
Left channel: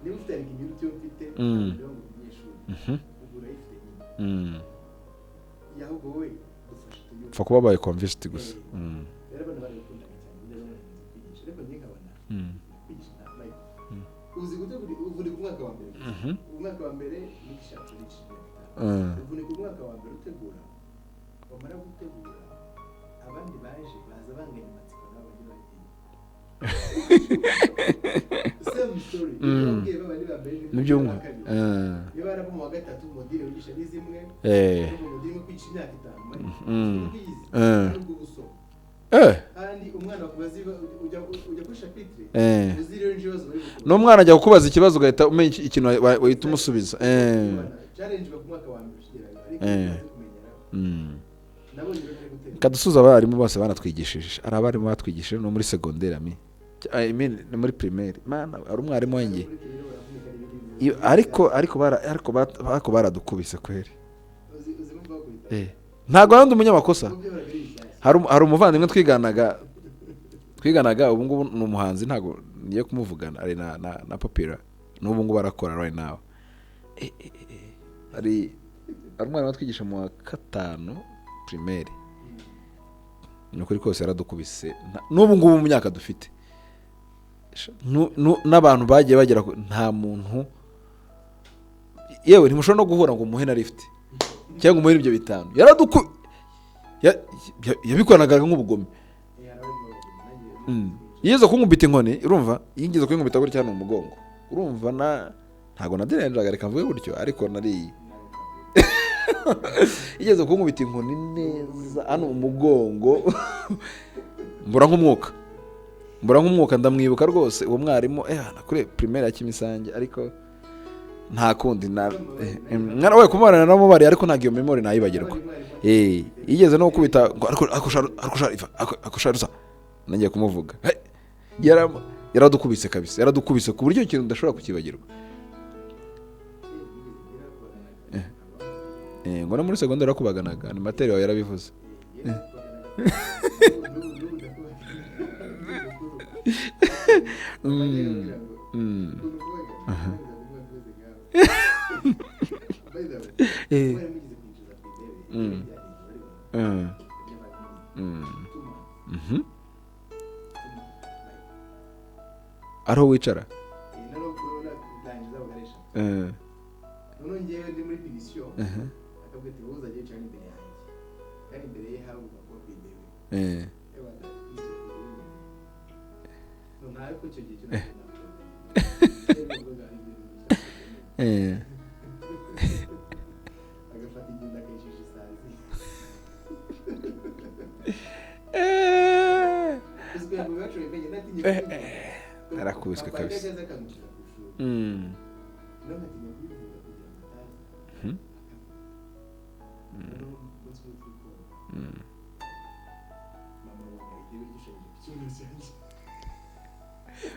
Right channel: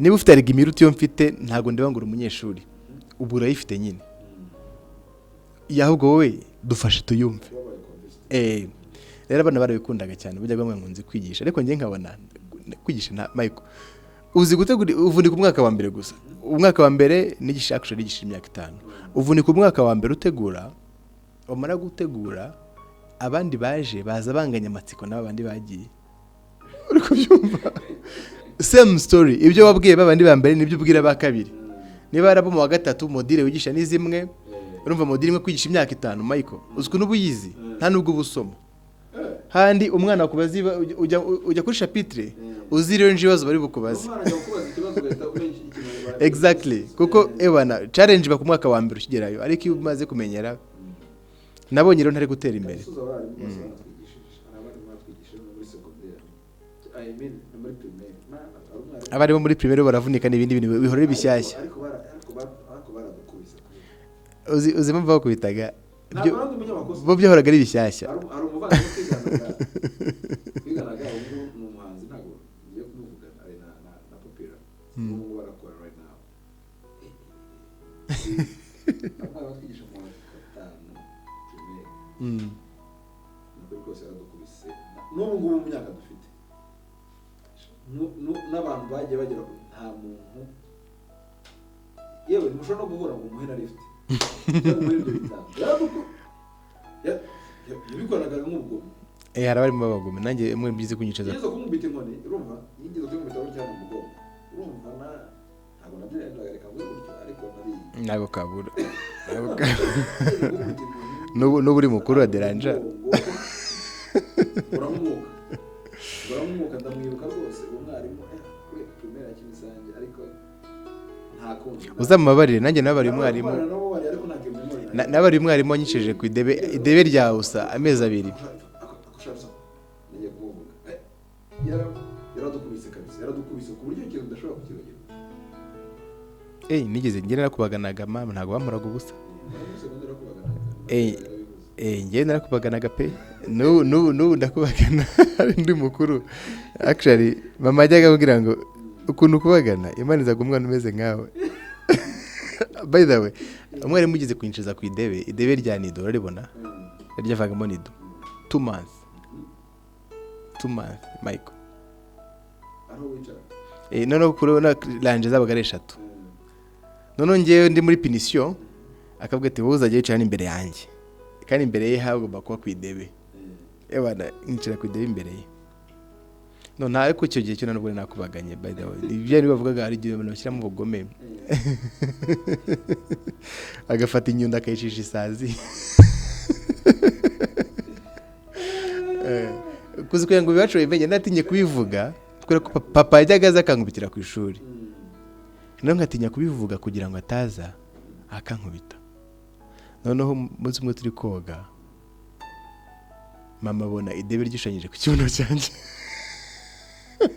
Niba ufite regimiruti yo mfite ntago ndeba ngo umunyeshuri ubu urayifite nyine. Yahubwo wowe dufashe tuyumva kuba baye convinced. Rero abana barabikundaga cyane bujya bamwe nkunze kwigisha, ariko nge nkabona kwigisha na Michael uzi gutegura uvunika umwaka wa mbere gusa. Umwaka wa mbere nigisha actually nigisha imyaka 5. Uvunika umwaka wa mbere utegura, umara gutegura abandi baje baza banganya amatsiko n'abandi bagiye. Same story. Ibyo wabwiye babandi ba mbere nibyo ubwira ba kabiri. Niba arabo mu wa gatatu modire wigisha ni zimwe, urumva modire imwe kwigisha imyaka 5 Michael. Uziko n'ubuyizi nta nubwo busoma. Handi umwana akubaza ujya kuri chapitre uziriyo njibazo bari bukubaza. No mwana ajya kukubaza ikibazo ugahita umenya ikintu umusubiza. Kuko ebana challenge bakumwaka wa mbere ukigerayo, ariko iyo umaze kumenyera nabonye rero ntari gutera imbere. Kadusuza abarimu bose banatwigishije. Ari abarimu batwigishije no muri secondaire no muri primaire. Mana ari umwarimu. Abarimu muri primaire baravunika n'ibindi bintu bihora bishyashya. Ariko baradukubise kweri. Uzi mpamvu bakubitaga. Ntago arandi umunyamakosa. Bo byahoraga ari bishyashya. Hari umuvandimwe twiganaga ubu ngubu ni umuhanzi, ntago niye kumuvugana ari na Popular. N'ubu ngubu barakora right now. Ari umwana watwigisha mu wa 5 primaire. Nukuri kose yaradukubise. N'ubu ngubu mu myaka dufite. N'abantu bagiye bagera nta muntu yewe ntimushobora no guhura ngo umuhe na lift. Cyangwa umuhe ibyo bitanga. Yabikoranaga nk'ubugome. Harabari mu bagome nanjye mwe byize kunyica. Yeze kunkubita inkoni, urumva? Yingize kunkubita gutya no mugongo. Urumva ntago naderenjaga reka mvuge gutyo, ariko nari ntago kabura. Yeze kunkubita inkoni. No buri mukuru aderanja. Mbura nk'umwuka ndamwibuka rwose uwo mwarimu kuri primaire ya Kimisange, ariko nta kundi uzamubabarire nanjye nabari. Narawe kumarana namubari ariko nta giyo memory nayibagiye. Nabari mwarimu anyishije ku idebe ryawe. Akusharuza nangiye kumuvuga. yaradukubise kabisa, yaradukubise ku buryo ikintu udashobora kukibagirwa. Nigeze ngera nakubaganaga mama, ntabwo bamuraga ubusa. Ngo no muri segonderi nakubaganaga, ni materi yawe yarabivuze. Ngeze nakubaganaga pe. N'ubu ndakubagana ndi mukuru. Actually mama ajyaga ambwira ngo ukuntu kubagana Imana izaga umwana umeze nkawe. By the way, umwari mugeze kwinjiza ku idebe rya nido uraribona? Ryavagamo nido 2 months. 2 months Michael. Ariho wicara? Noneho kurona lanje zabaga ari 3. Noneho ngewe ndi muri pinisiyo akavuga ati wowe uzajya wicara imbere yanjye, kandi imbere ye hagomba kuba ku idebe. Ebana nicara ku idebe imbere ye. No nta ariko icyo gihe cyo ntabwo nakubaganye by the way. Ibyo ari bavugaga ari igihe abantu bashyiramo ubugome. Agafata inyundo akayicisha isazi. Kuzi kugira ngo bibacu bimenye natinye kubivuga kubera ko papa yajyaga aza akankubitira ku ishuri. None nkatinya kubivuga kugira ngo ataza akankubita. Noneho umunsi umwe turi koga mama abona idebe ryishanyije ku kibuno cyanjye.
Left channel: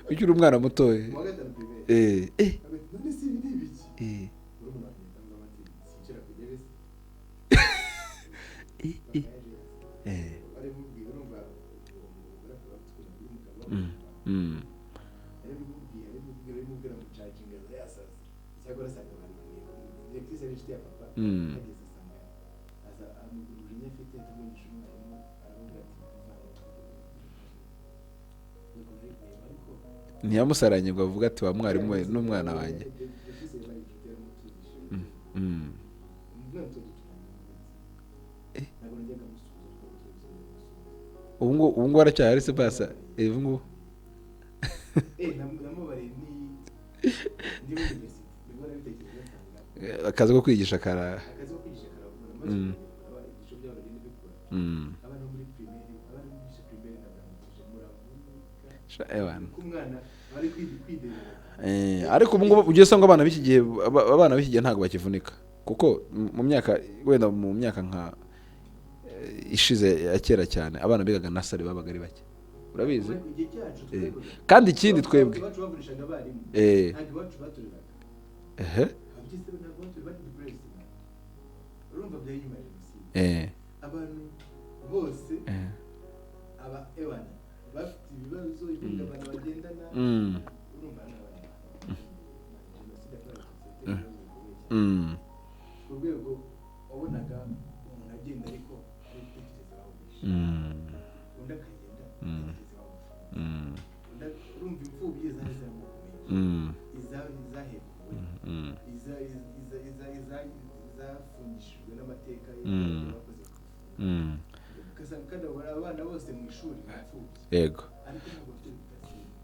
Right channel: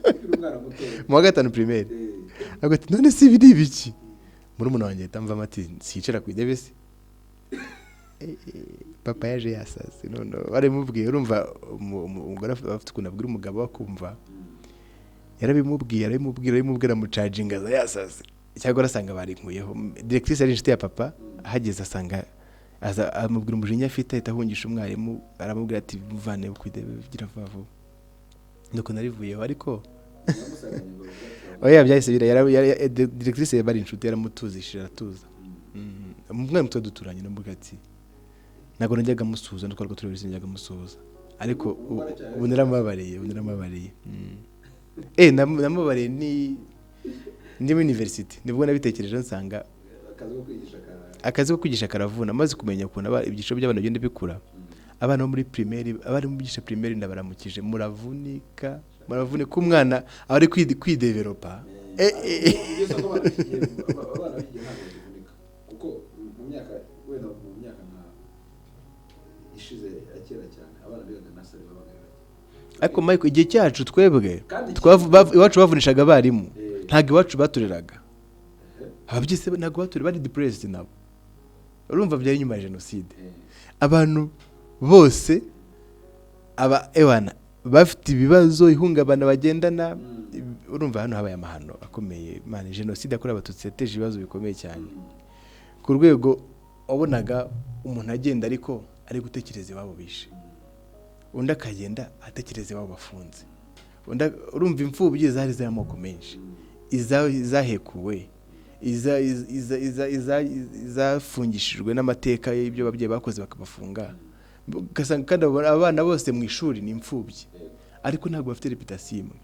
Ukiri umwana mutoya mu wa 5 primaire. Agati none si biri biki? Muri umuntu wanjye tamva amati sicara ku idebe se. Papa yaje yasaze. None bari mubwiye urumva umugore afite ukuntu abwira umugabo akumva. Yarabimubwira mu charging aza yasaze. Cyagora asanga bari nkuyeho. Directrice ari inshuti ya papa ahageze asanga amubwira umujinya afite ahungisha umwarimu, aramubwira ati muvane ku idebe bigira vavu. Nuko narivuyeho ariko nyamusaranye ngo avuga ati wamwe oya byahise bira directrice yari inshuti yaramutuzishira atuza. Umwana muto duturanye n'ambuga ati nago najyaga musuhuza ndiko ariko turabise njyaga musuhuza ariko ubu ngo aracyari se namubariye namubariye ndi mu university nibwo nabitekereje nsanga akazi ko kwigisha karavuna maze kumenya ukuntu ibyiciro by'abana bigenda bikura. Abana bo muri primaire, abari mu bigisha primaire ndabaramukije muravunika umwana ari kwidevelopa. Ariko ujye usanga abana b'iki gihe ntago bakivunika kuko mu myaka wenda mu myaka nka ishize ya kera cyane abana bigaga nasari babaga ari bake. Ariko Michael igihe cyacu twebwe kandi iwacu bavunishaga abarimu ntago iwacu batureraga. Ababyise ntago baturera bari depressed nabo. Urumva byari nyuma ya genocide. Abantu bose ewana bafite ibibazo ihungabana bagendana. Urumva hano habaye amahano akomeye man, genocide yakorewe abatutsi yateje ibibazo bikomeye cyane ku rwego wabonaga umuntu agenda ariko ari gutekereza iwabo bishe, undi akagenda atekereza iwabo bafunze. Urumva imfubyi zari z'amoko menshi, izahekuwe, izafungishijwe n'amateka y'ibyo babyeyi bakoze bakabafunga. Ugasanga kandi abana bose mu ishuri ni imfubyi ariko ntabwo bafite reputation imwe.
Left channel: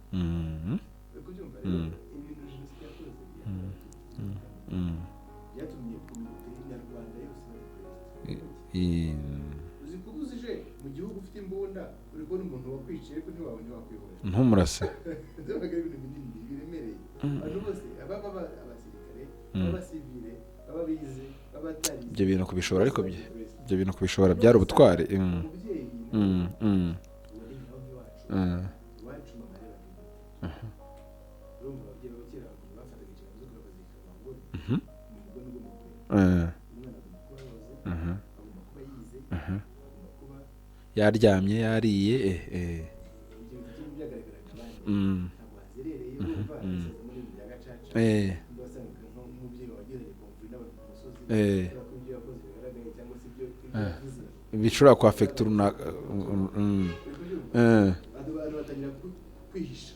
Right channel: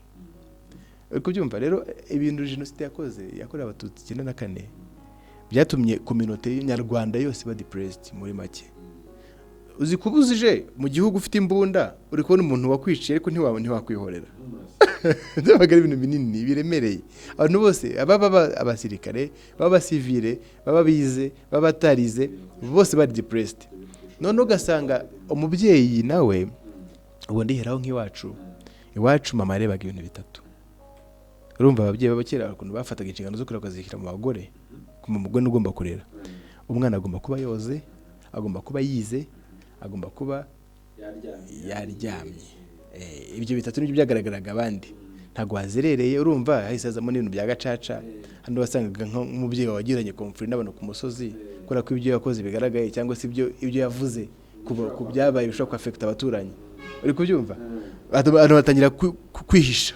Ariko byumva rero ibintu genocide yakorewe abatutsi 94 byatumye community nyarwanda yose ba depressed muri make. Uzi kubuzije mu gihugu ufite imbunda uri kubona umuntu wakwiciye ariko ntiwakwihorera ntumurase. Byabaga ari ibintu binini biremereye. Abantu bose abasirikare b'abasivile babize babatarize bose ba depressed. Ibyo bintu kubishobora byarubutware. Umubyeyi nawe ubundi heraho nk'iwacu iwacu mama yarebaga ibintu bitatu. Urumva ababyeyi babakera ukuntu bafataga inshingano zo kurera kuzikira mu bagore. Kuma umugore ugomba kurera umwana, agomba kuba yoze, agomba kuba yize, agomba kuba yaryamye yariye. Ibyo bitatu nibyo byagaragaraga abandi ntago wazerereye. Urumva ahisazamo n'ibintu bya gacaca. Hano wasangaga nk'umubyeyi wagiranye conflict n'abantu ku musozi kora ko ibyo yakoze bigaragaye cyangwa se ibyo yavuze bishobora kwafecta abaturanyi. Uri kubyumva abantu batangira kwihisha.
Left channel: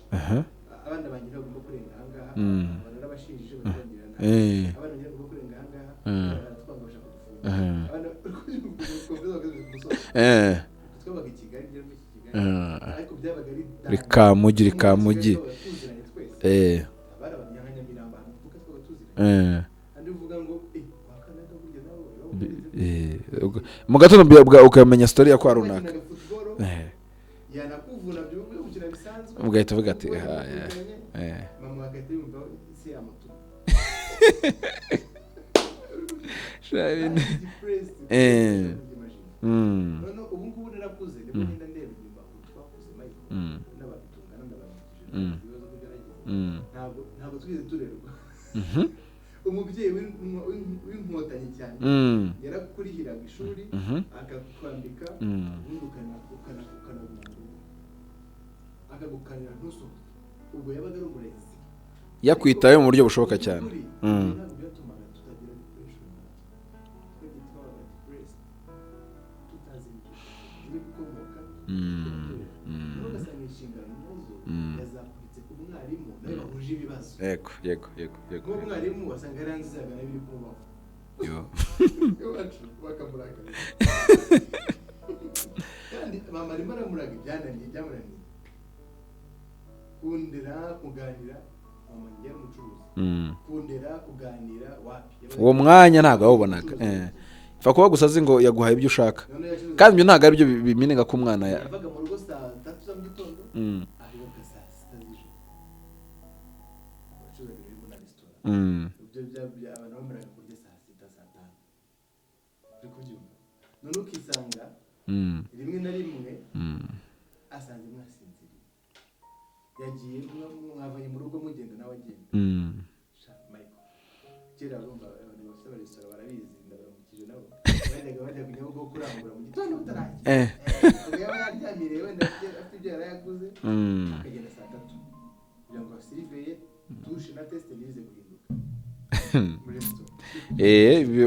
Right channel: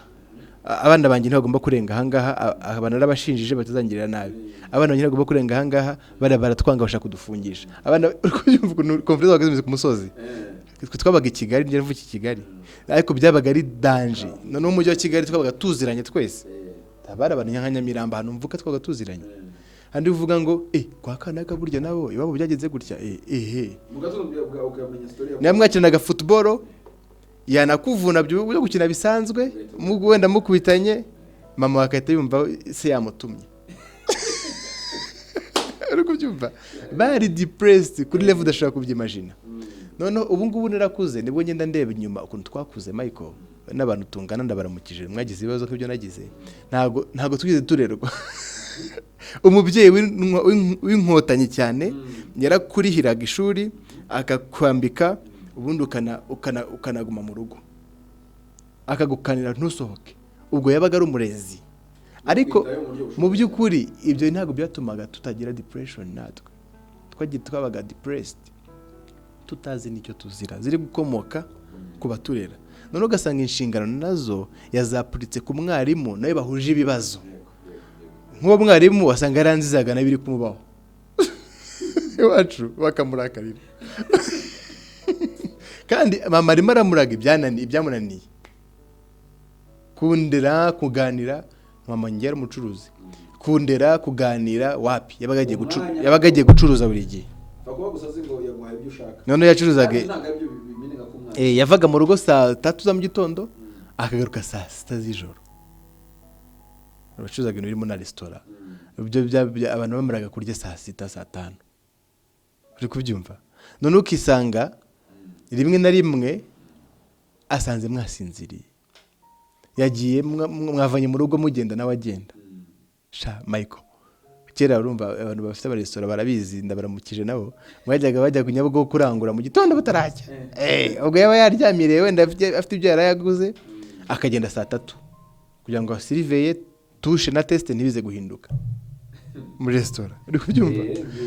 Abana banjye ntibagomba kurenga ahangaha, abana n'abashinjije batazangirira nabi. Abana banjye ntibagomba kurenga ahangaha, baratwanga bashaka kudufungisha. Abana uri kubyumva conflict wageze ku musozi. Twabaga i Kigali, njye mvuye i Kigali ariko byabaga ari danger. No mu Kigali twabaga tuziranye twese. Abari abantu nka Nyamiramba hano mvuka twabaga tuziranye. Andi uvuga ngo kwa Kanaga burya nabo ibabo byagenze gutya. Mu gatondo ukamenya story yakwa. Yamwakinaga football yanakuvuna byo gukina bisanzwe, wenda mukubitanye mama akahita yumva se yamutumye. uri kubyumva bari depressed kuri level udashobora kubyimagina. Noneho ubu ngubu narakuze nibwo ngenda ndeba inyuma ukuntu twakuze Michael n'abantu tungana ndabaramukije mwagize ibibazo nk'ibyo nagize ntago twize turerwa. Umubyeyi w'inkotanyi cyane yarakurihiraga ishuri akakwambika ubundi ukanaguma mu rugo akagukanira ntusohoke. Ubwo yabaga ari umurezi yakwitaye mu buryo bushoboka cyane. Mu by'ukuri ibyo ntabwo byatumaga tutagira depression. Natwe twabaga depressed tutazi nicyo tuzira ziri gukomoka ku baturera. None ugasanga inshingano nazo yazapuritse ku mwarimu nawe bahuje ibibazo. Yego. Nk'uwo mwarimu wasanga yaranzizaga nabiri kumubaho iwacu bakamurakarira kandi mama arimo aramuraga ibyamunaniye kundera kuganira. Mama ngera umucuruzi kundera kuganira wapi yabaga agiye gucuruza buri gihe. Fa kuba gusazi ngo yaguhaye ibyo ushaka none yacuruzaga kandi ntago ari byo biminega ku mwana. Yavaga mu rugo saa 3 za mu gitondo akagaruka saa 6 z'ijoro. Abacuruzaga ibintu birimo na restaurant ibyo abantu bamaraga kurya saa 6 saa 5. Uri kubyumva none ukisanga rimwe na rimwe asanze mwasinziriye yagiye mwavanye mu rugo mugenda nawe agenda. Michael kera urumva abantu bafite abaresitora barabizi ndabaramukije nabo bajya ku Nyabugogo kurangura mu gitondo batarajya. Ubwo yaba yaryamiriye wenda afite ibyo yarayaguze akagenda saa 3 kugira ngo asiriveye tushe na test ntibize guhinduka muri restaurant.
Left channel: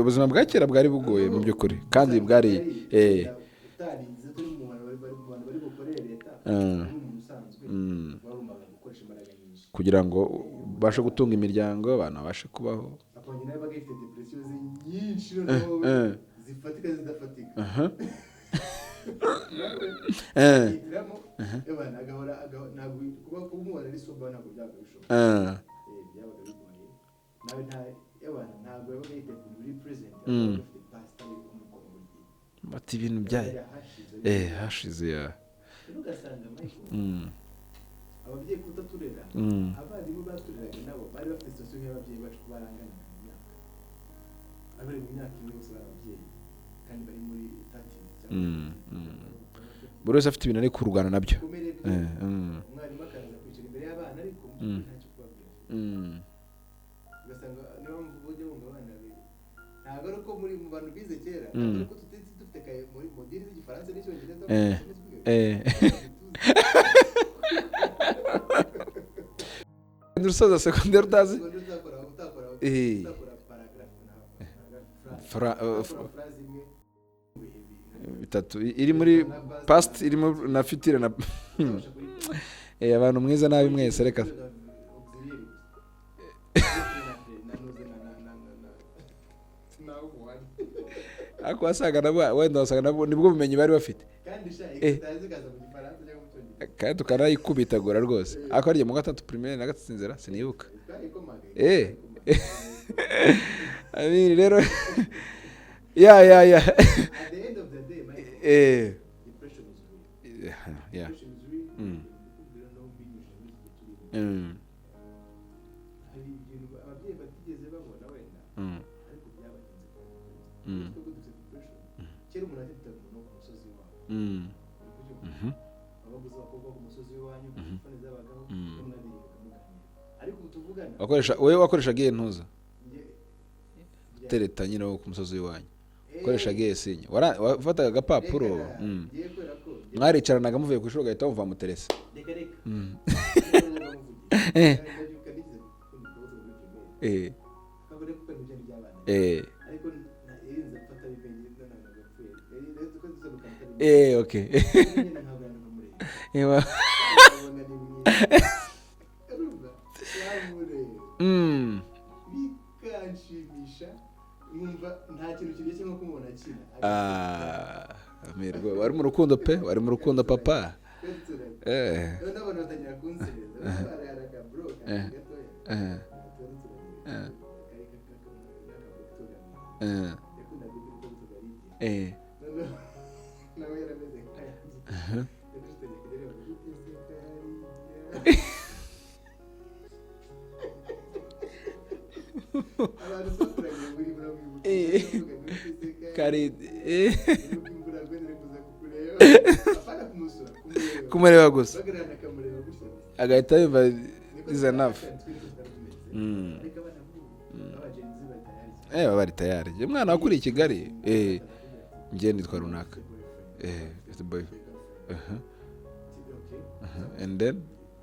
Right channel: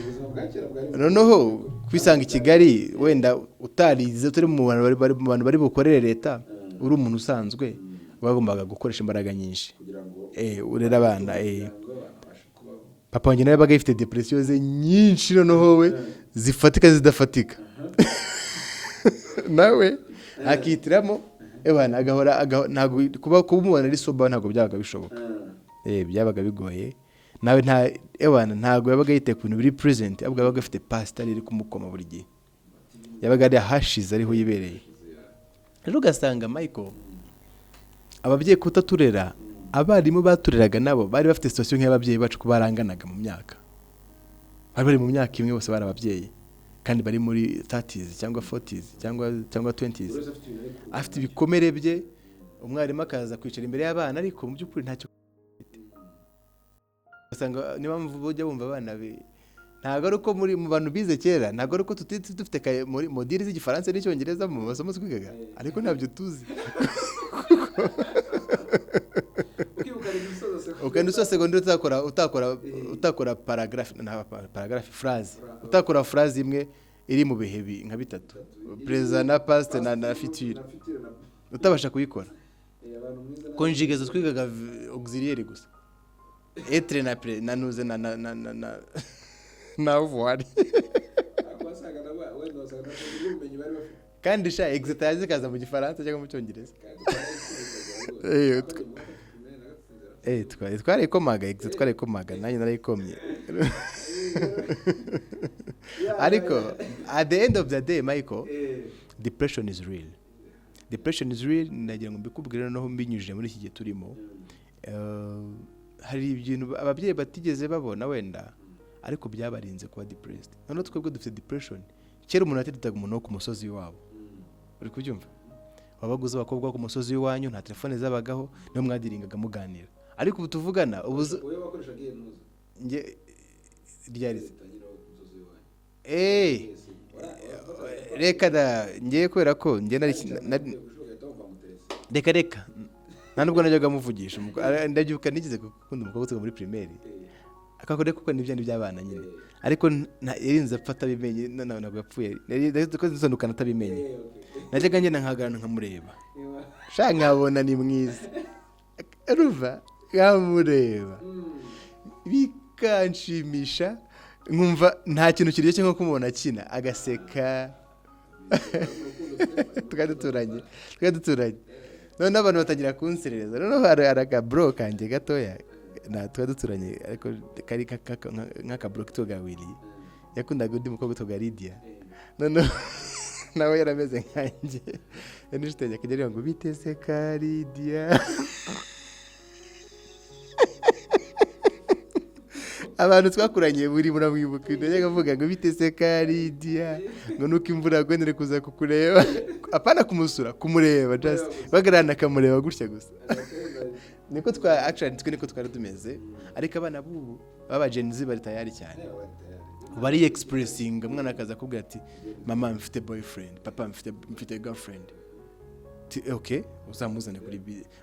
Ubuzima bwa kera bwari bugoye by'ukuri. Kwisanga i Kigali wenda utarize turi mu bantu bari bukorere leta uri umuntu usanzwe bagombaga gukoresha imbaraga nyinshi kugira ngo urere abana imiryango abana bashe kubaho. Papa wanjye nawe yabaga ifite depression ze nyinshi noneho we zifatika zidafatika nawe akitiramo ebana agahora ntago kuba umubona ari soba ntago byabaga bishoboka. Byabaga bigoye nawe ntago yabaga yite ku bintu biri present ahubwo yabaga afite pastor iri kumukoma buri gihe yabaga ari hashize ariho yibereye. Rero ugasanga Michael ababyeyi kutaturera abarimu batureraga nabo bari bafite situation nk'ababyeyi bacu ko baranganaga mu myaka. Bari mu myaka imwe bose bari ababyeyi kandi bari muri 30s cyangwa 40s cyangwa 20s. Buri wese afite ibintu ari kurwana nabyo bikomere bye. Umwarimu akaza kwicara imbere y'abana ariko mu by'ukuri ntacyo ugasanga niba mvuga bumva abana ntago ari uko mu bantu bize kera ntago ari uko dufite modire z'igifaransa n'icyongereza mu masomo twigaga ariko ntabyo tuzi. Urusoza secondaire utakora paragraphe phrase utakora phrase imwe iri mu bihe nka bitatu iri muri past iri na future na utabasha kuyikora. Abantu mwiza nabi mwese reka auxiliaire gusa etre na pre nanuze na voir ako wasaga nabo wenda wasaga nabo nibwo bumenyi bari bafite kandi sha exercise kaza mu gifaransa cyangwa mu cyongereza kandi tukarayikubitagura rwose ako ari mu gatatu primaire na gatatu nzera twarayikomaga nanjye narayikoma. Rero ya at the end of the day Michael depression is real. Depression is real. Nagira ngo mbikubwire noneho mbinyujije muri iki gihe turimo. Hari ibintu ababyeyi batigeze babona wenda ariko byabarinze kuba depressed. None twebwe dufite depression. Kera umuntu atitaga umuntu ku musozi wabo. Uri kubyumva? Wabaguze abakobwa ku musozi w'iwanyu nta telefone zabagaho no mwadiringaga muganira. Ariko ubu tuvugana wewe wakoreshaga iye ntuza nge tereta nyine wo ku musozi w'iwanyu. Koreshaga esinye wafataga agapapuro reka ngiye kwera ko nge naricaranaga muvuye ku ishuri gahita mvuva mu teresa reka nta nubwo najyaga muvugisha ndabyuka nigize gukunda umukobwa muri primaire akakore kuko nibyo by'abana nyine ariko yarinze apfata bimenye ntabwo yapfuye ko zisondukana atabimenye najyaga ngenda nkagarana nkamureba cyanyabona ni mwiza ruva yamureba bikanshimisha nkumva nta kintu kiryoshye nko kumubona akina agaseka. Wari mu rukundo pe wari mu rukundo papa twaduturanye none abantu batangira kunserereza none hari akabro kanjye gatoya twaduturanye ariko kari nk'akabro kitoga wili yakundaga undi mukobwa witwa Lydia none nawe yarameze nkanjye nishiteye kugera ngo biteze ka Lydia abantu twakuranye buri muramwibuka ibyo avuga ngo bite se Karidia ngo nuko imvura yagwendere kuza kukureba apana kumusura kumureba gusa bagarana kamureba gutya gusa agahita yumva niko niko twari tumeze ariko abana bubu baba Gen Z bari tayari cyane bari tayari umwana kuri Kigali umwana akaza kuvuga ati mama mfite boyfriend papa mfite girlfriend okay uzamuzana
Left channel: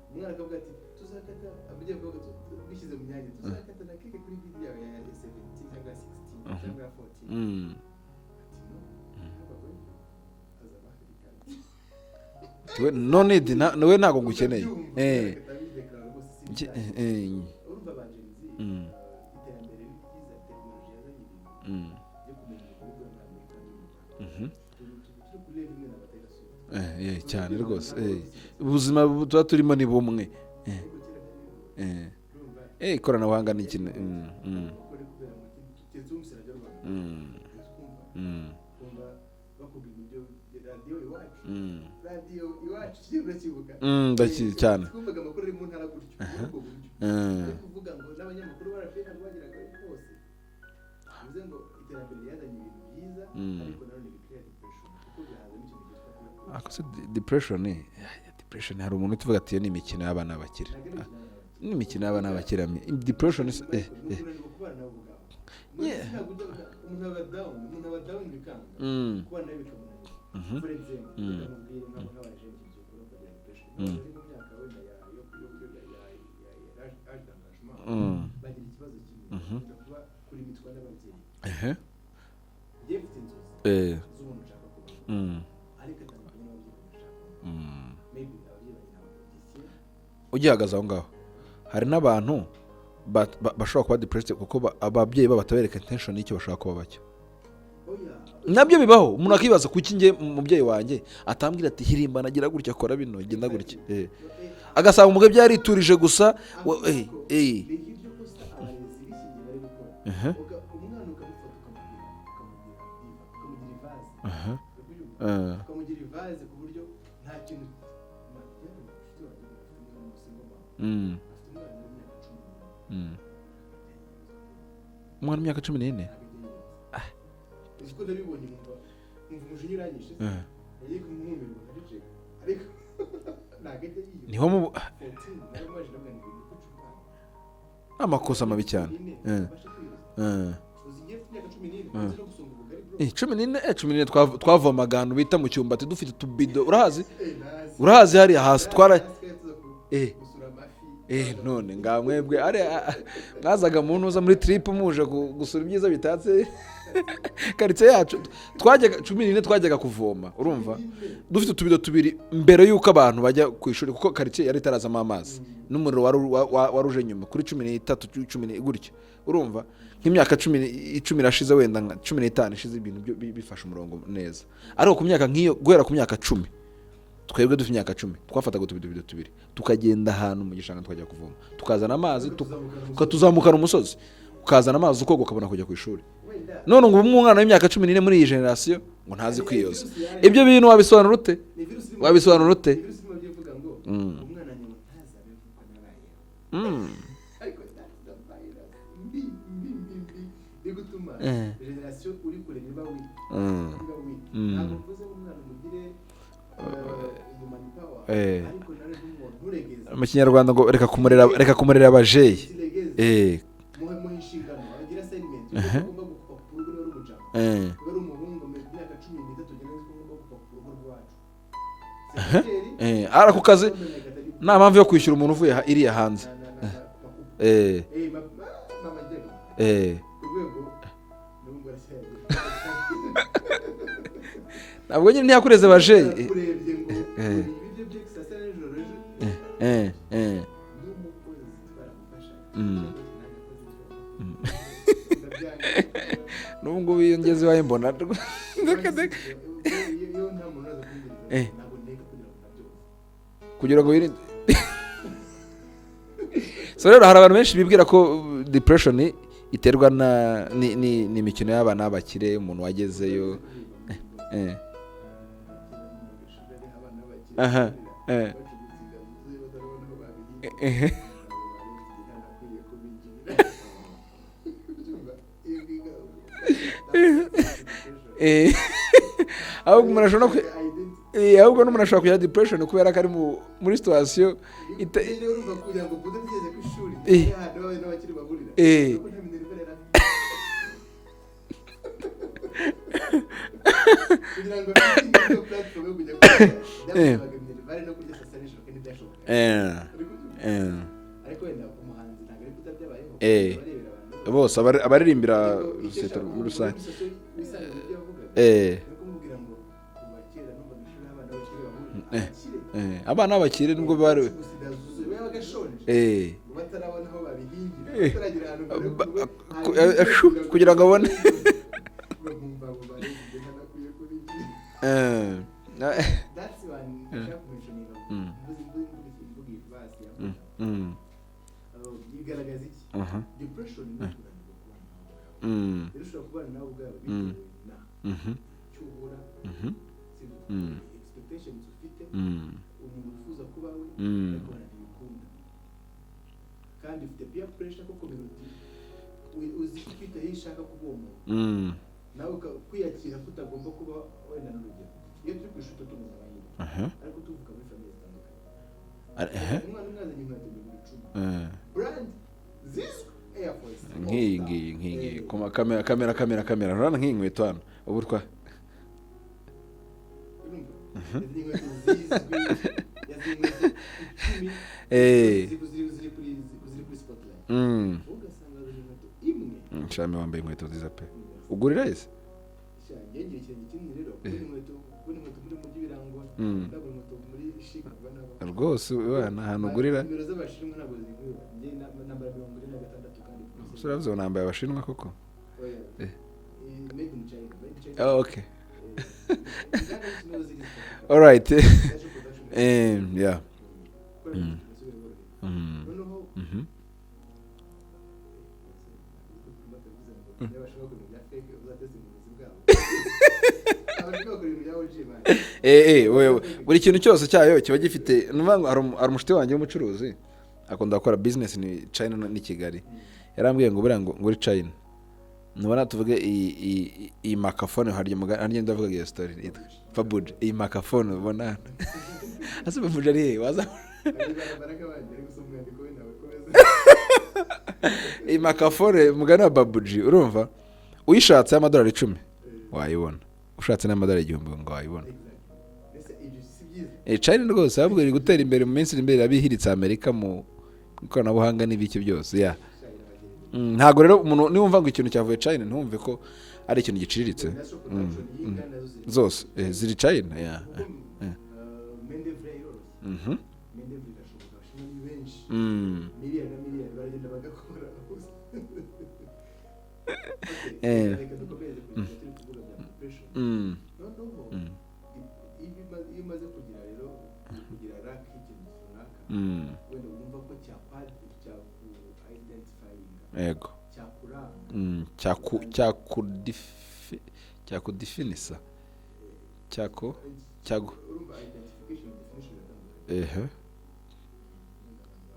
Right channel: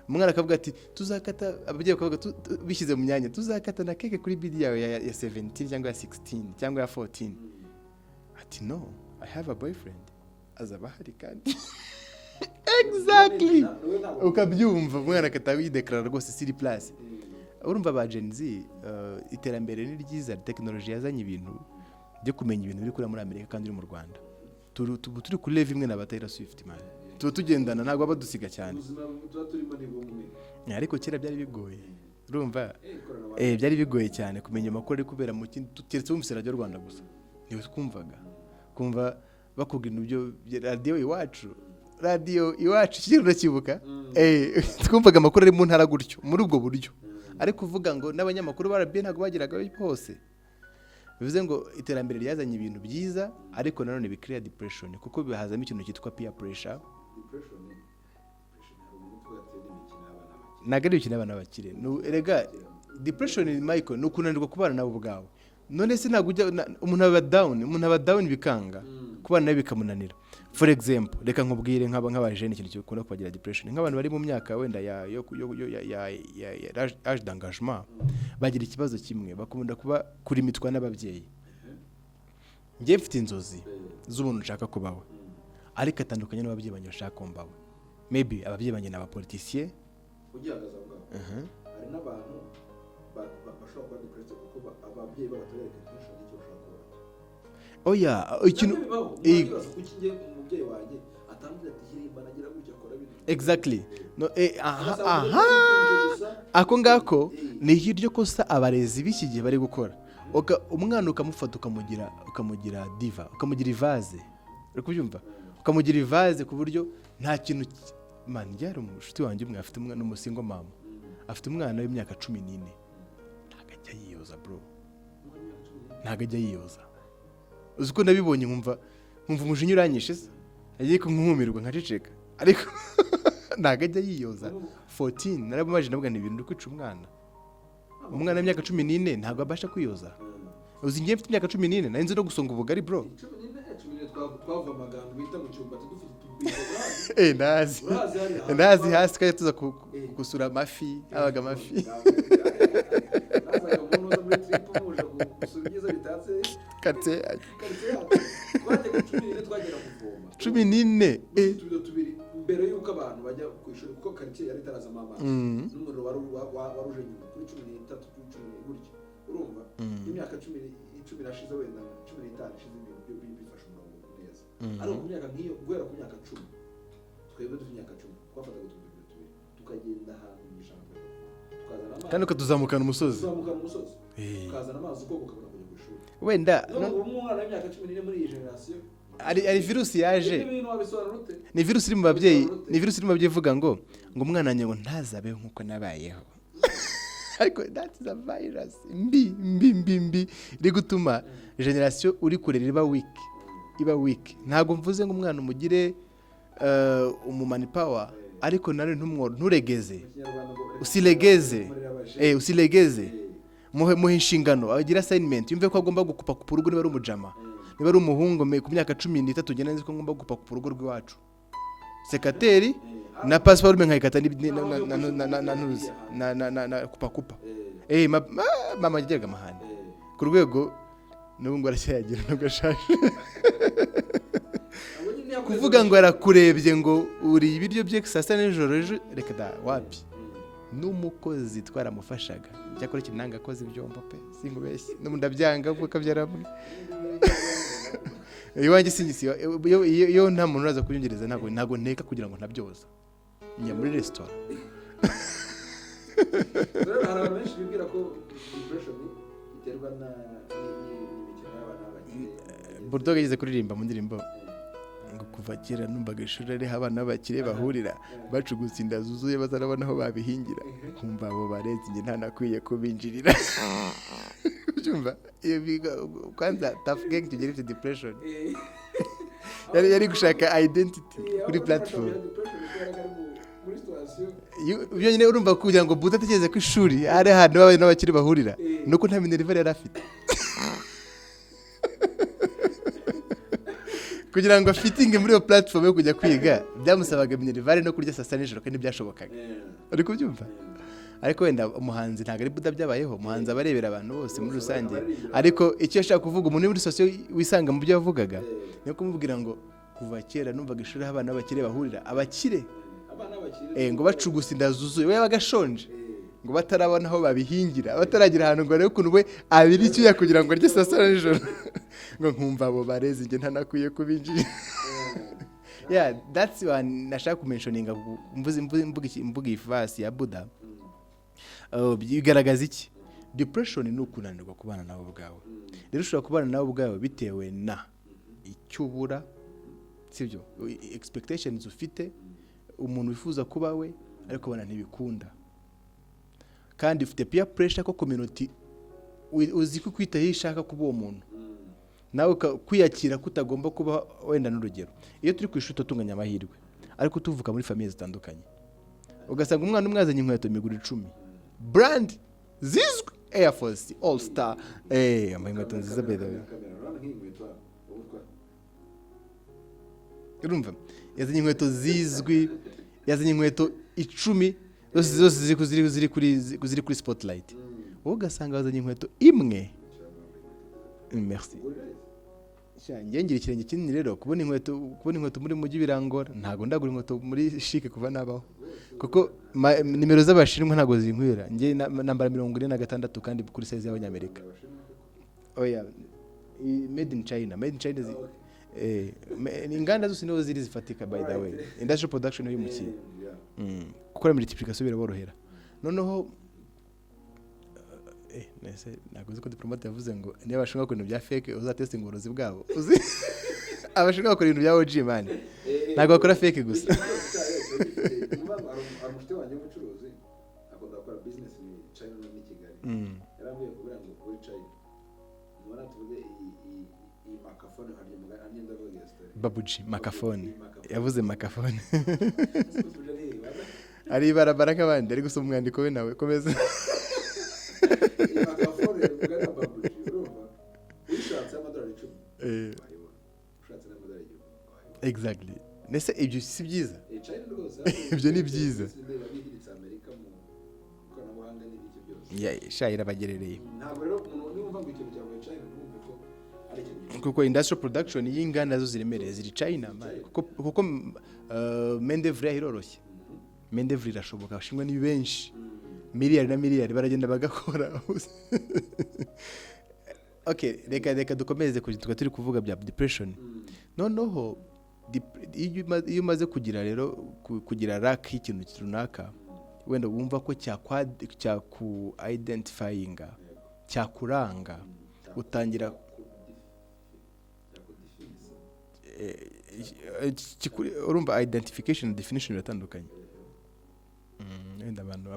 umwana akavuga ati tuzakata ababyeyi bakavuga bishyize mu myanya tuzakata na keke kuri bidi yawe ya 17 cyangwa ya 16 cyangwa ya 14 ati no I have a boyfriend azabahari kandi nawe ntabwo gukeneye ukabyumva umwana akatawidekarara rwose siri plus urumva ba Gen Z iterambere ni ryiza technology yazanye ibintu byo kumenya ibintu biri kuri muri Amerika kandi uri mu Rwanda turi kuri level imwe na Taylor Swift tugendana ntabwo badusiga cyane ubuzima tuba turimo ni bumwe ariko kera byari bigoye urumva ikoranabuhanga byari bigoye cyane kumenya amakuru ari kubera mu kintu keretse wumvise radio Rwanda gusa niwe twumvaga kumva bakubwira ibyo radio iwacu ikintu ndakibuka twumvaga amakuru ari mu ntara gutyo muri ubwo buryo ariko uvuga ngo n'abanyamakuru barabye ntabwo bagiraga hose bivuze ngo iterambere ryazanye ibintu byiza ariko nanone bikira depression kuko bihazamo ikintu cyitwa peer pressure. Depression hari umuntu utuvuga ati ni imikino y'abana bakire ntabwo ari imikino y'abana bakire ni imikino y'abana bakire depression is Michael ni ukunanirwa kubana nabo ubwabo none se ntabwo umuntu aba down bikanga kubana nawe bikamunanira for example reka nkubwire nk'abajene ikintu cyukunda kubagira depression nk'abantu bari mu myaka wenda ya âge d'engagement bagira ikibazo kimwe bakunda kuba kuri mitwa n'ababyeyi ngiye mfite inzozi z'umuntu nshaka kubaho ariko atandukanye n'ababyeyi banyu bashaka kumbaho maybe ababyeyi banyu n'abapoliticiens ugihagaze aho ngaho hari n'abantu bashobora kuba depressed kuko ababyeyi babo batabereka intention y'icyo bashaka kuba bacyo nabyo bibaho umuntu akibaza kuki nge umubyeyi wanjye atambwira ati hirimba nagira gutya akora bino exactly agasaba umugabo byariturije gusa ako ngako ni hiryo kosa abarezi b'iki bari gukora umwana ukamufata ukamugira diva ukamugira ivaze uri kubyumva ukamugira ivaze ku buryo nta kintu man yari umushuti wanjye umwe afite umwana n'umusingo mama afite umwana w'imyaka 14 ntabwo ajya yiyoza bro umwana w'imyaka 14 ntabwo ajya yiyoza uko nabibonye nkumva umujinya uranyishe se agiye kunkumirwa nkaceceka ariko ntabwo ajya yiyoza niho mu 14 narabumaje nabwo ni ibintu kwica umwana amakosa mabi cyane 14 ntabwo abasha kwiyoza uzi ngiye mfite imyaka 14 narinze no gusonga ubugari bro 14 twavomaga ahantu bita mu cyumba ati dufite tubido urahazi nazi urahazi hari hasi twari tuza gusura amafi abaga amafi ngamwebwe mwazaga mu ntuza muri trip muje gusura ibyiza bitatse karitsiye yacu twajyaga 14 twajyaga kuvoma 14 dufite tubido tubiri mbere yuko abantu bajya ku ishuri kuko karitsiye yari tarazama amazi n'umuriro waruje nyuma kuri 13 10 gutyo urumva nk'imyaka 10 irashize wenda 15 ishize ibintu bifasha umurongo neza ariko ku myaka nk'iyo guhera ku myaka 10 twebwe dufite imyaka 10 twafataga utubido tubiri tukagenda ahantu mu gishanga twajya kuvoma tukazana amazi tuzamukana umusozi ukazana amazi ukoga ukabona kujya ku ishuri wenda none ngo umwana w'imyaka 14 muri iyi generation ngo ntazi kwiyoza ibyo bintu wabisobanura ute ni virus iri mu byivuga ngo umwana wanjye ngo ntazabeho nkuko nabayeho ariko that is a virus mbi rigutuma generation uri kurera iba weak ntago mvuze ngo umwana umugire umumani power ariko nare nturegeze mu kinyarwanda ngo reka kumurera abaje usilegeze muhe inshingano agira assignment yumve ko agomba gukupa ku rugo niba ari umujama niba ari umuhungu ku myaka 13 ugenda nzi ko ngomba gukupa ku rugo rw'iwacu sekateri na password nkayikata nta mpamvu yo kwishyura umuntu uvuye iriya hanze na kupa mama yageraga amahane ku rwego n'ubu ngo aracyagira n'ugashaka ntabwo nyine ntiyakureze baje barakurebye ngo uri ibiryo bye sasa n'ijoro reka wapi n'umukozi twaramufashaga cyakora kinanga akoze ibyombo pe ndabyanga kuko byara n'ubu ngubu ngeze waye mbona riwanjye sigisi iyo nta muntu uraza kuyingereza ntabwo nteka kugira ngo ntabyoza kugira ngo so rero hari abantu benshi bibwira ko depression iterwa n'imikino y'abana bakire umuntu wageze utogeze kuririmba mu ndirimbo kuva kera numvaga ishuri ari abana bakire bahurira bacugutse inda zuzuye bazarabona aho babihingira kumva abo barezi nge nta nakwiye kubinjirira Ubyumva iyo biga kwaje tafite depression ahubwo umuntu ashobora gushaka identity ahubwo n'umuntu ashobora kugira depression kubera ko ari muri situation nyine urumva kugira ngo Buda ategeze ko ishuri ari ahantu baba n'abakiri bahurira nuko nta minerva yari afite kugira ngo afitinge muri iyo platform yo kujya kwiga byamusabaga minerva no kurya saa 6 nijoro kandi byashobokaga ariko byumva ariko wenda umuhanzi ntabwo ari Buda byabayeho umuhanzi abarebera abantu bose abaririmbira ariko icyo ashaka kuvuga umuntu muri sosiyo wisanga mu byo yavugaga niyo kumubwira ngo kuva kera numvaga ishuri abana b'abakire bahurira abana b'abakire nubwo bacugusa inda zuzuye we bagashonje ngo batarabona aho babihingira bataragira ahantu ngo arebe ukuntu we abirikira kugira ngo arye saa 6 nijoro ngo nkumva abo barezi igihe ntanakwiye kubinjira that's one nashaka kumentioninga mvuga ifasi ya Buda bigaragaza iki depression ni ukunanirwa kubana nawe ubwawe rero ushobora kubana nawe ubwawe bitewe na icyubura sibyo expectations ufite umuntu wifuza kuba we ariko bana ntibikunda kandi ufite peer pressure ko community uzi ko kwitaho ishaka kuba uwo muntu nawe kwiyakira kutagomba kuba wenda n'urugero iyo turi ku ishuri tutunganya amahirwe ariko tuvuka muri famille zitandukanye ugasanga umwana umwazanye inkweto imiguru 10 brand zizwe Air Force All Star kamera urana nk'inkweto hano uburwa urumva yazanye inkweto zizwi yazanye inkweto 10 zose ziri kuri spotlight ugasanga yazanye inkweto imwe nshame wambaye inkweto nziza pe merci ugurira ese ngira ikirenge kinini rero kubona inkweto muri mujyi birangora ntago ndagura inkweto muri chic kuva nabaho rwose nimero z'abashinwa ntago zinkwira nge nambara 46 kandi kuri size yawe nambaye abashinwa koko oya made in China oh okay inganda zose niho ziri zifatika all right industrial production yeah gukora multiplication biraborohera noneho nese naguze ko diplomate yavuze ngo niba bashaka ko ibintu bya fake uzatestinga uburozi bwabo abashaka gukora ibintu bya OG man ntabwo bakora fake buri kintu cyose cyayo kiba gifite nuvuga ari umushiti wanjye w'umucuruzi akunda gukora business ni China ni Kigali yarambwiye ngo buriya ngo uri China nubona tuvuge iyi makafone harya harya ndavuga iyo story iyi makafone ase bavuga ari waza ari barabara nk'abandi ari gusoma umwandiko we nawe komeza iyi makafone mugana babuji urumva uyishatse amadolari 10 wayibona ushatse n'amadolari 1000 ngo wayibona exactly nese ibyo si byiza China rwose avuga gutera imbere mu minsi imbere abihiritse Amerika mu ikoranabuhanga n'ibiki byose shayira bagerereye ntago rero umuntu niwumva ngo ikintu cyavuye China ntumve ko ari ikintu giciriritse kuko industrial production y'inganda zo ziri China kuko mendevre iroroshye mendevre irashoboka bashimwe ni benshi miliyari na miliyari baragenda bagakora okay reka dukomeze kujya turi kuvuga bya depression noneho iyo umaze kugira rero kugira lack y'ikintu runaka wenda wumva ko cyaku identifyinga yego cyakuranga cyakudefinisa urumva identification definition biratandukanye wenda abantu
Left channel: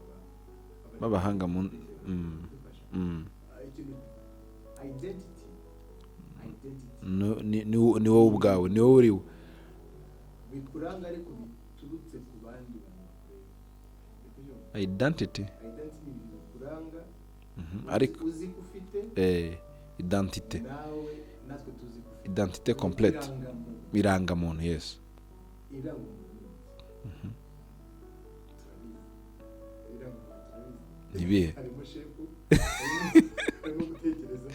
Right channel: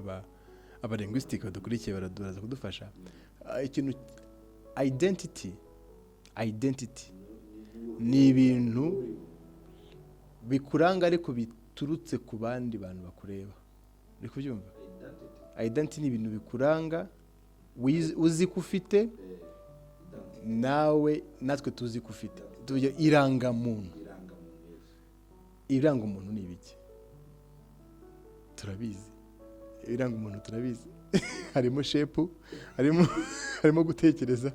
abahanga mu ndike baratuza kudufasha ikintu identity ni wowe ubwawe ni wowe uriwe bikuranga ariko biturutse ku bandi bantu bakureba uri kubyumva identity ni ibintu bikuranga uzi ko ufite identity nawe natwe tuzi ko ufite identity complete irangamuntu yes irangamuntu ni ibiki turabizi irangamuntu turabizi harimo shepu harimo gutekereza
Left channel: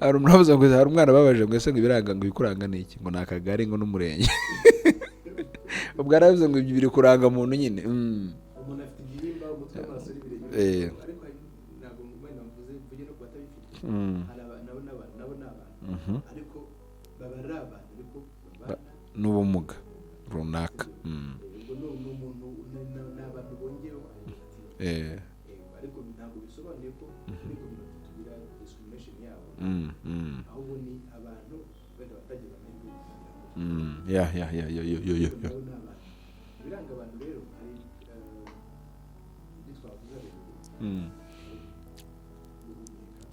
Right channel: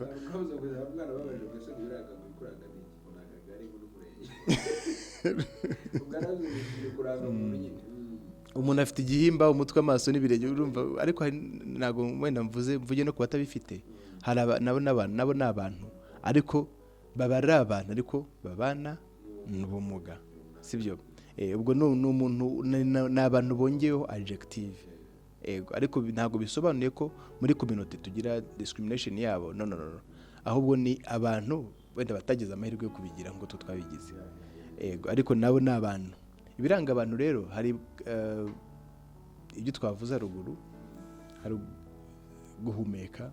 hari umuntu ngo hari umwana babaje ngo ese ngo ibiranga ngo bikuranga niki ngo nakagari ngo n'umurenge ubwo aravuze ngo biri kuranga muntu nyine umuntu afite igihimba umutwe amaso n'ibirenge ariko ntago wenda mvuge no kuba atabifite hari nabo n'abantu ariko baba ari abantu ariko babana n'ubumuga runaka ubwo n'umuntu n'abantu bongeyeho adjective ego ariko ntago bisobanuye ko muri community tugira discrimination yabo no ahubwo ni abantu wenda batagize amahirwe yo kubigira ngo tutwabigize ariko nabo n'abantu ibiranga abantu rero hari ibyo twavuze haruguru hari guhumeka,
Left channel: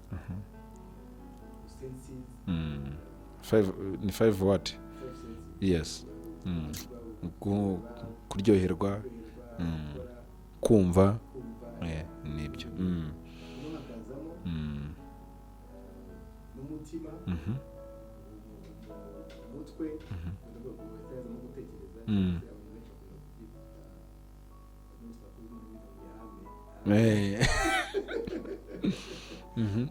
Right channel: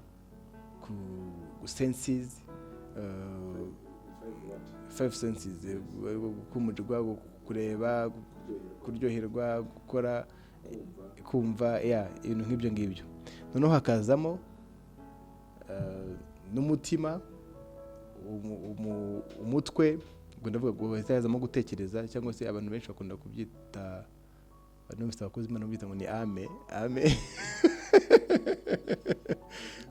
ku senses, ni 5 what 5 senses, yes, kumurwa, kureba, kuryoherwa, gukora, kumva, ibintu nk'ibyo ngibyo. Noneho hakazamo n'umutima, umutwe, ngo ndavuga guhitazamo gutekereza, cyangwa se abantu benshi bakunda kubyita, abakozi b'Imana bita ngo ni ame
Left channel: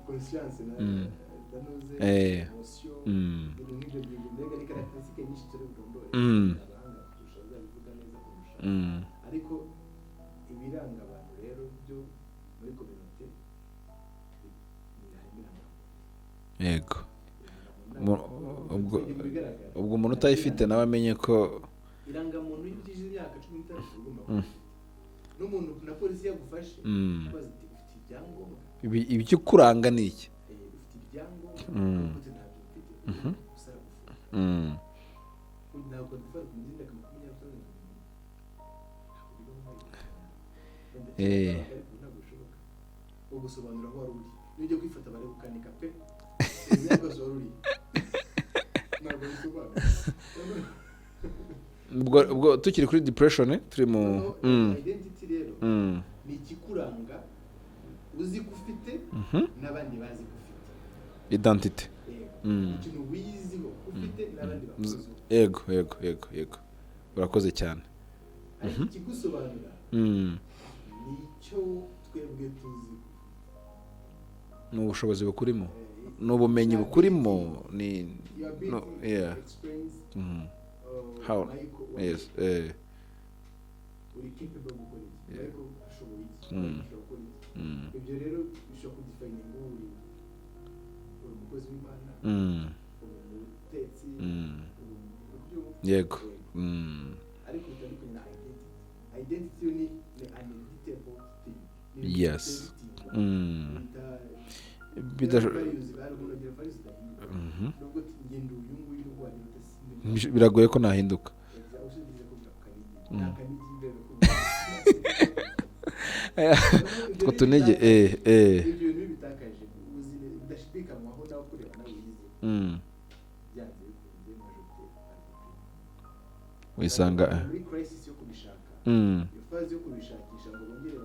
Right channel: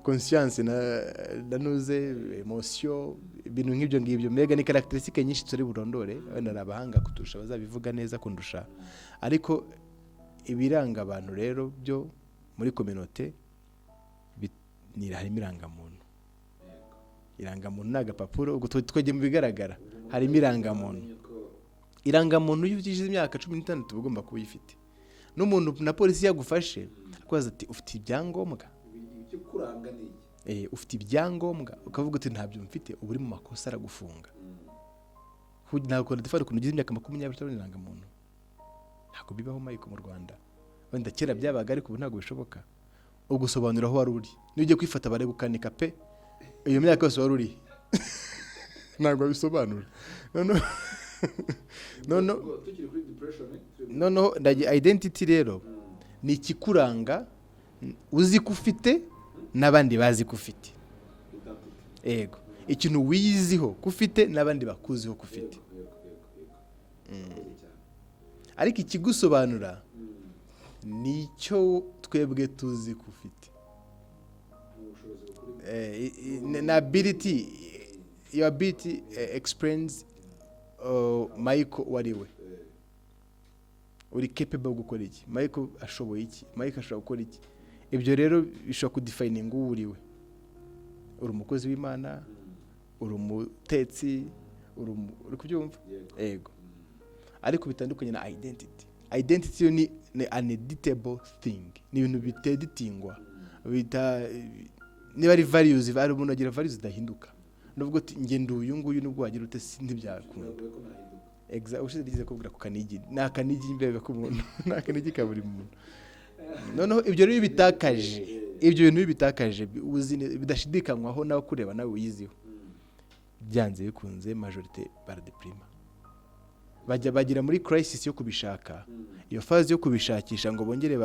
conscience na nuze emotion, ibintu nk'ibyo ngibyo. Mbega ni characteristique nyinshi turi burondore, kandi abahanga kuturusha bazabivuga neza kundusha, ariko ibiranga abantu rero byo muri communauté harimo irangamuntu. Yego, irangamuntu ni agapapuro twege mu bigaragara. Ubwo umuntu utayifite nawe amenye ko irangamuntu iyo ugize imyaka 16 ugomba kubifite. N'umuntu na polisi yagufashe kwaza ati ufite ibyangombwa, ibyo kuranga ni iki, ufite ibyangombwa, ukavuga uti ntabyo mfite, uri mu makosa aragufunga. Ntabwo ndafara ukuntu ugize imyaka 20 irangamuntu, ntabwo bibaho mayiko mu Rwanda. Wenda kera byabaga, ariko ubu ntabwo bishoboka. Ugusobanura aho wari uri, nujye kwifata bare gukanika pe iyo myaka yose wari uri, ntabwo bisobanura. ubwo tukiri kuri depression turi mu identity rero, ni ikikuranga uzi ko ufite n'abandi bazi ko ufite. Identity, yego, ikintu wiyiziho ko ufite n'abandi bakuziho ko ufite. Yego, urakoze cyane. Ariko ikigusobanura nicyo twebwe tuzi ko ufite, n'ubushobozi bukurimo, n'ubumenyi bukurimo, ni your ability explains Michael wariwe, uri capable gukora iki, Michael ashoboye iki, Michael ashobora gukora iki. Ibyo rero bishobora kudefininga uwo uriwe. Uri umukozi w'Imana, uri umutetsi, uri kubyumva. Yego. Ariko bitandukanye na identity ni uneditable thing, ni ibintu biteditingwa, bita niba ari values, ari umuntu agira values zidahinduka. Nubwo ngendo uyu nguyu nubwo wagira ute biragoye ko nahinduka. Exactly, ushize kubwira ku kanigi, na kanigi mbere ko na kanigi kaburi muntu. Noneho ibyo rero bitakaje, ibyo bintu bitakaje bidashidikanywaho nawe kureba nawe uyiziho. Byanze bikunze majorité baradeprima, bagira muri crisis yo kubishaka. Iyo phase yo kubishakisha ngo bongere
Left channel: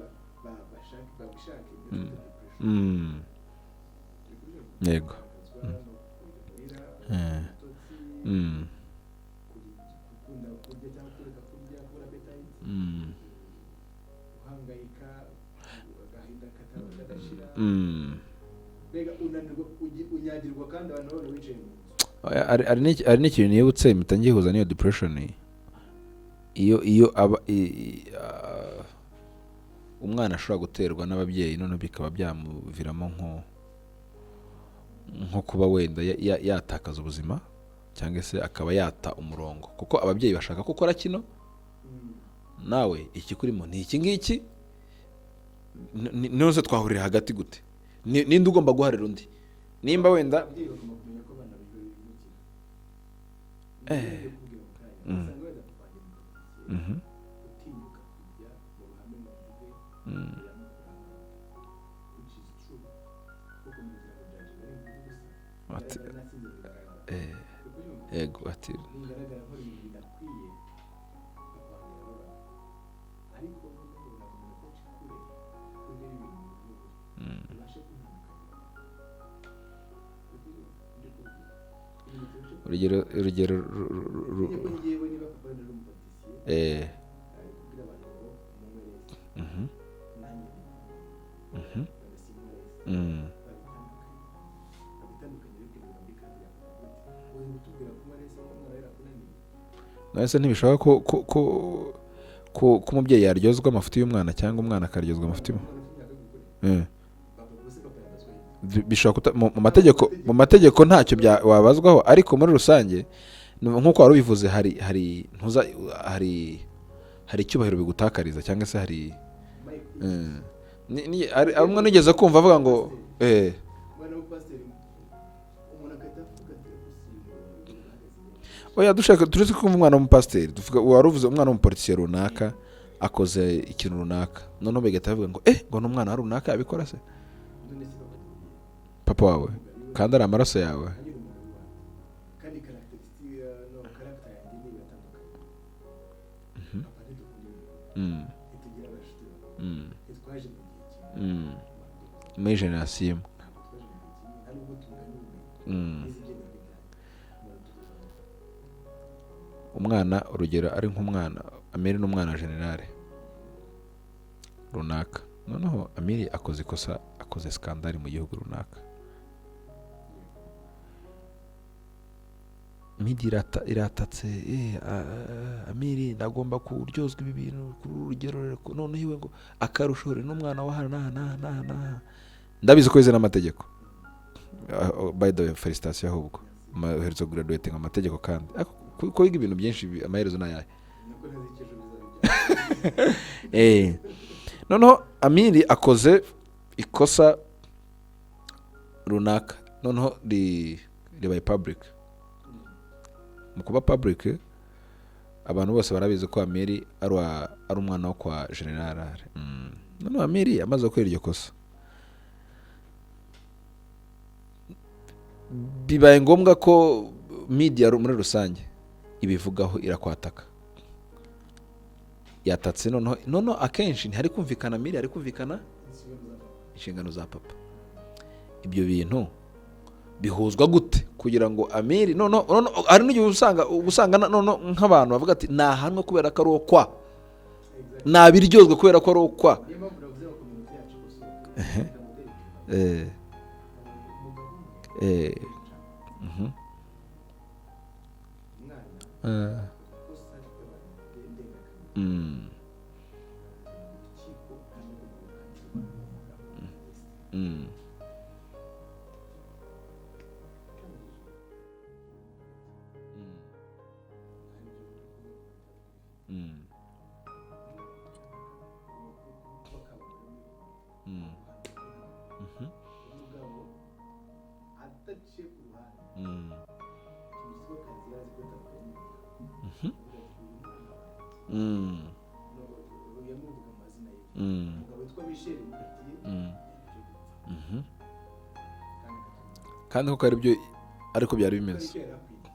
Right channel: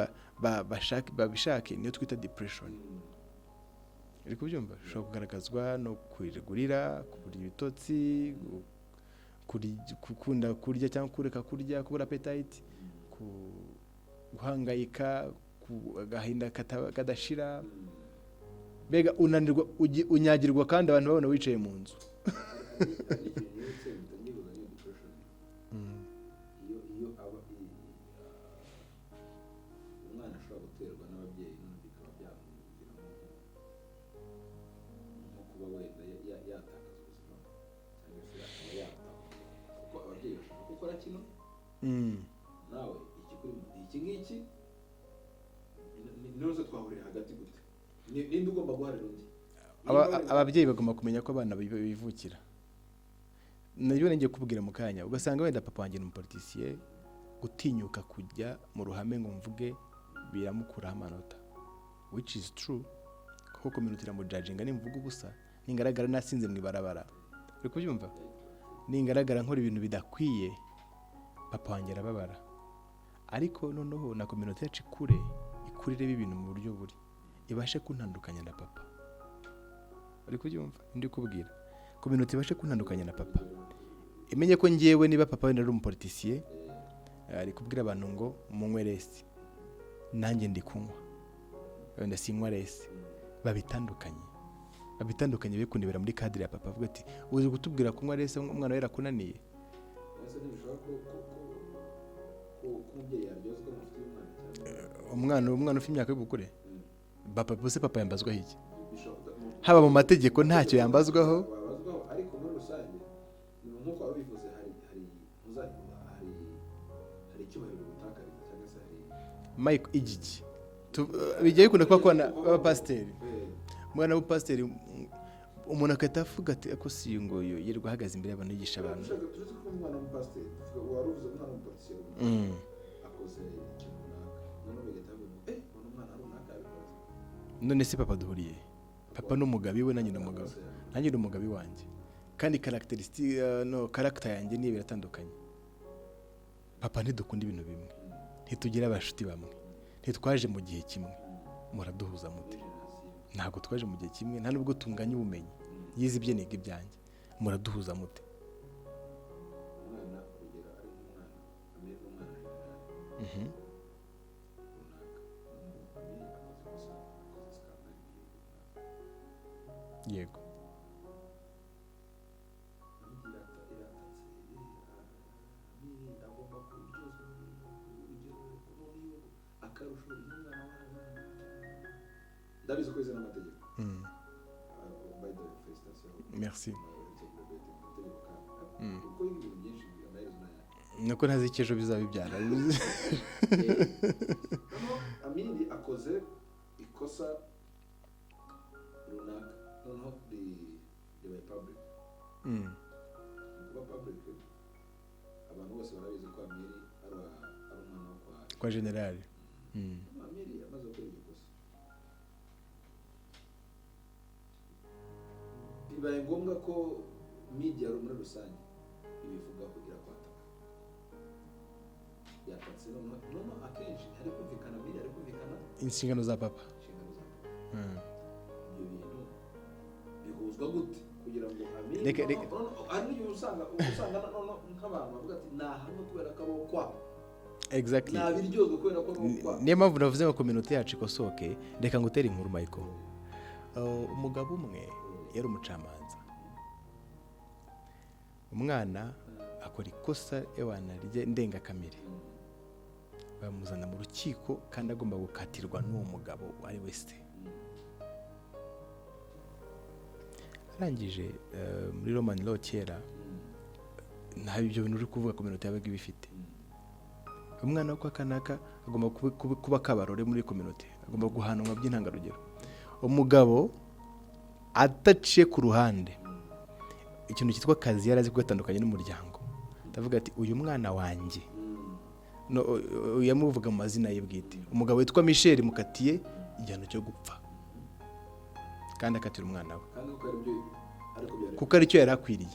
babishake niyo twita depression. Uri kubyumva? Kugaragazwa no kwirigurira, ibitotsi, gukunda kurya cyangwa kureka kurya, kubura appetite, guhangayika, agahinda kadashira. Mbega unanirwa, unyagirwa, kandi abantu babona wicaye mu nzu. Ari n'ikintu nibutse mpita ngihuza n'iyo depression. Iyo umwana ashobora guterwa n'ababyeyi, none bikaba byamuviramo nko kuba wenda yatakaza ubuzima, cyangwa se akaba yata umurongo, kuko ababyeyi bashaka ko ukora kino, nawe ikikurimo ni iki ngiki, none twahurira hagati gute, ninde ugomba guharira undi? Nimba wenda ababyeyi bagomba kumenya ko abana bivukira. Niyo ngiye kubwira mu kanya, ugasanga wenda papa wanjye ni umupoliticiye, gutinyuka kujya mu ruhame ngo mvuge biramukuraho amanota, which is true, kuko community mu judging ni mvuga ubusa, ningaragara nasinze mu ibarabara. Uri kubyumva? Yego, ati ningaragara nkora ibintu bidakwiye, papa wanjye arababara. Ariko noneho na community yacu ikurire ibintu mu buryo buri, ibashe kuntandukanya na papa. Uri kubyumva? Ndi kubwira community ibashe kuntandukanya. Urugero imenye ko ngiyewe niba papa wenda ari umupoliticiye, ari kubwira abantu ngo munywe resi, nanjye ndi kunywa, wenda sinywa resi. babitandukanye bikundibera muri cadre ya papa, avuga ati uzi gutubwira kunywa resi umwana wera kunaniye. Nase ntibishaka ko umubyeyi yaryozwa amafuti y'umwana, cyangwa umwana akaryozwa amafuti. Umwana ufite imyaka yo gukure, papa yambazwa iki? Bishaka mu mategeko ntacyo wabazwaho, ariko muri rusange nkuko wari ubivuze, hari icyubahiro bigutakariza, cyangwa se hari amwe nigeze kumva avuga ngo umwana w'upasiteri, umuntu akahita avuga ati ako si ngo yirirwa ahagaze imbere y'abantu yigisha. Oya, dushaka turetse kumva umwana w'umupasiteri, wari uvuze umwana w'umupolitisiye runaka akoze ikintu runaka, noneho bagahita bavuga ngo ngo n'umwana wa runaka yabikora se. none se papa duhuriye papa wawe n'umugabi we kandi ari amaraso yawe nanjye n'umugabi wanjye kandi character yanjye niyo biratandukanye. Papa ntidukunda ibintu bimwe, ntitugira abashuti bamwe, ntitwaje mu gihe kimwe, muraduhuza muri generasiyo imwe, ntabwo twaje mu gihe kimwe, nta nubwo tunganya ubumenyi, yize ibye niga ibyanjye, muraduhuza mute? Umwana urugero ari nk'umwana Amiri n'umwana generale runaka, noneho Amiri akoze ikosa, akoze skandali mu gihugu runaka, yego media iratatse Amiri ndagomba kuryozwa ibi bintu ku rugero, noneho iwe ngo akarushore n'umwana wa hana ndabizi ko yize n'amategeko. By the way, felicitation ahubwo uherutse graduating amategeko kandi ko yiga ibintu byinshi, amaherezo n'ayahe nuko ntazi icyo bizaba ibyaha. Noneho Amiri akoze ikosa runaka, noneho ribaye public. Mu kuba public abantu bose barabizi ko Amiri ari umwana wo kwa general. Noneho Amiri amaze gukora iryo kosa, bibaye ngombwa ko media muri rusange ibivugaho, irakwataka, yatatse. Noneho akenshi ntihari kumvikana Amiri, hari kumvikana inshingano za papa. Ibyo bintu bihuzwa gute kugira ngo Amiri hari n'igihe usanga nk'abantu bavuga ati nahanwe kubera ko ari okwa, nabiryozwe kubera ko ari okwa. Niyo mpamvu navuze ngo community yacu ikosoke. Reka ngutere inkuru Michael. Umugabo umwe yari umucamanza, umwana akora ikosa ndengakamere, bamuzana mu rukiko kandi agomba gukatirwa n'uwo mugabo ari wese. Arangije muri Roman law kera nta ibyo bintu uri kuvuga community yabaga ibifite. Umwana wo kwa kanaka agomba kuba kabarore muri community, agomba guhanwa by'intangarugero. Umugabo ataciye ku ruhande ikintu cyitwa kazi yarazi kugatandukanye n'umuryango, ndavuga ati uyu mwana wanjye yamuvuga mu mazina ye bwite. Umugabo witwa Michel mukatiye igihano cyo gupfa, kandi akatira umwana we, kandi kuko aribyo ariko byari bimeze, kuko aricyo yari akwiriye.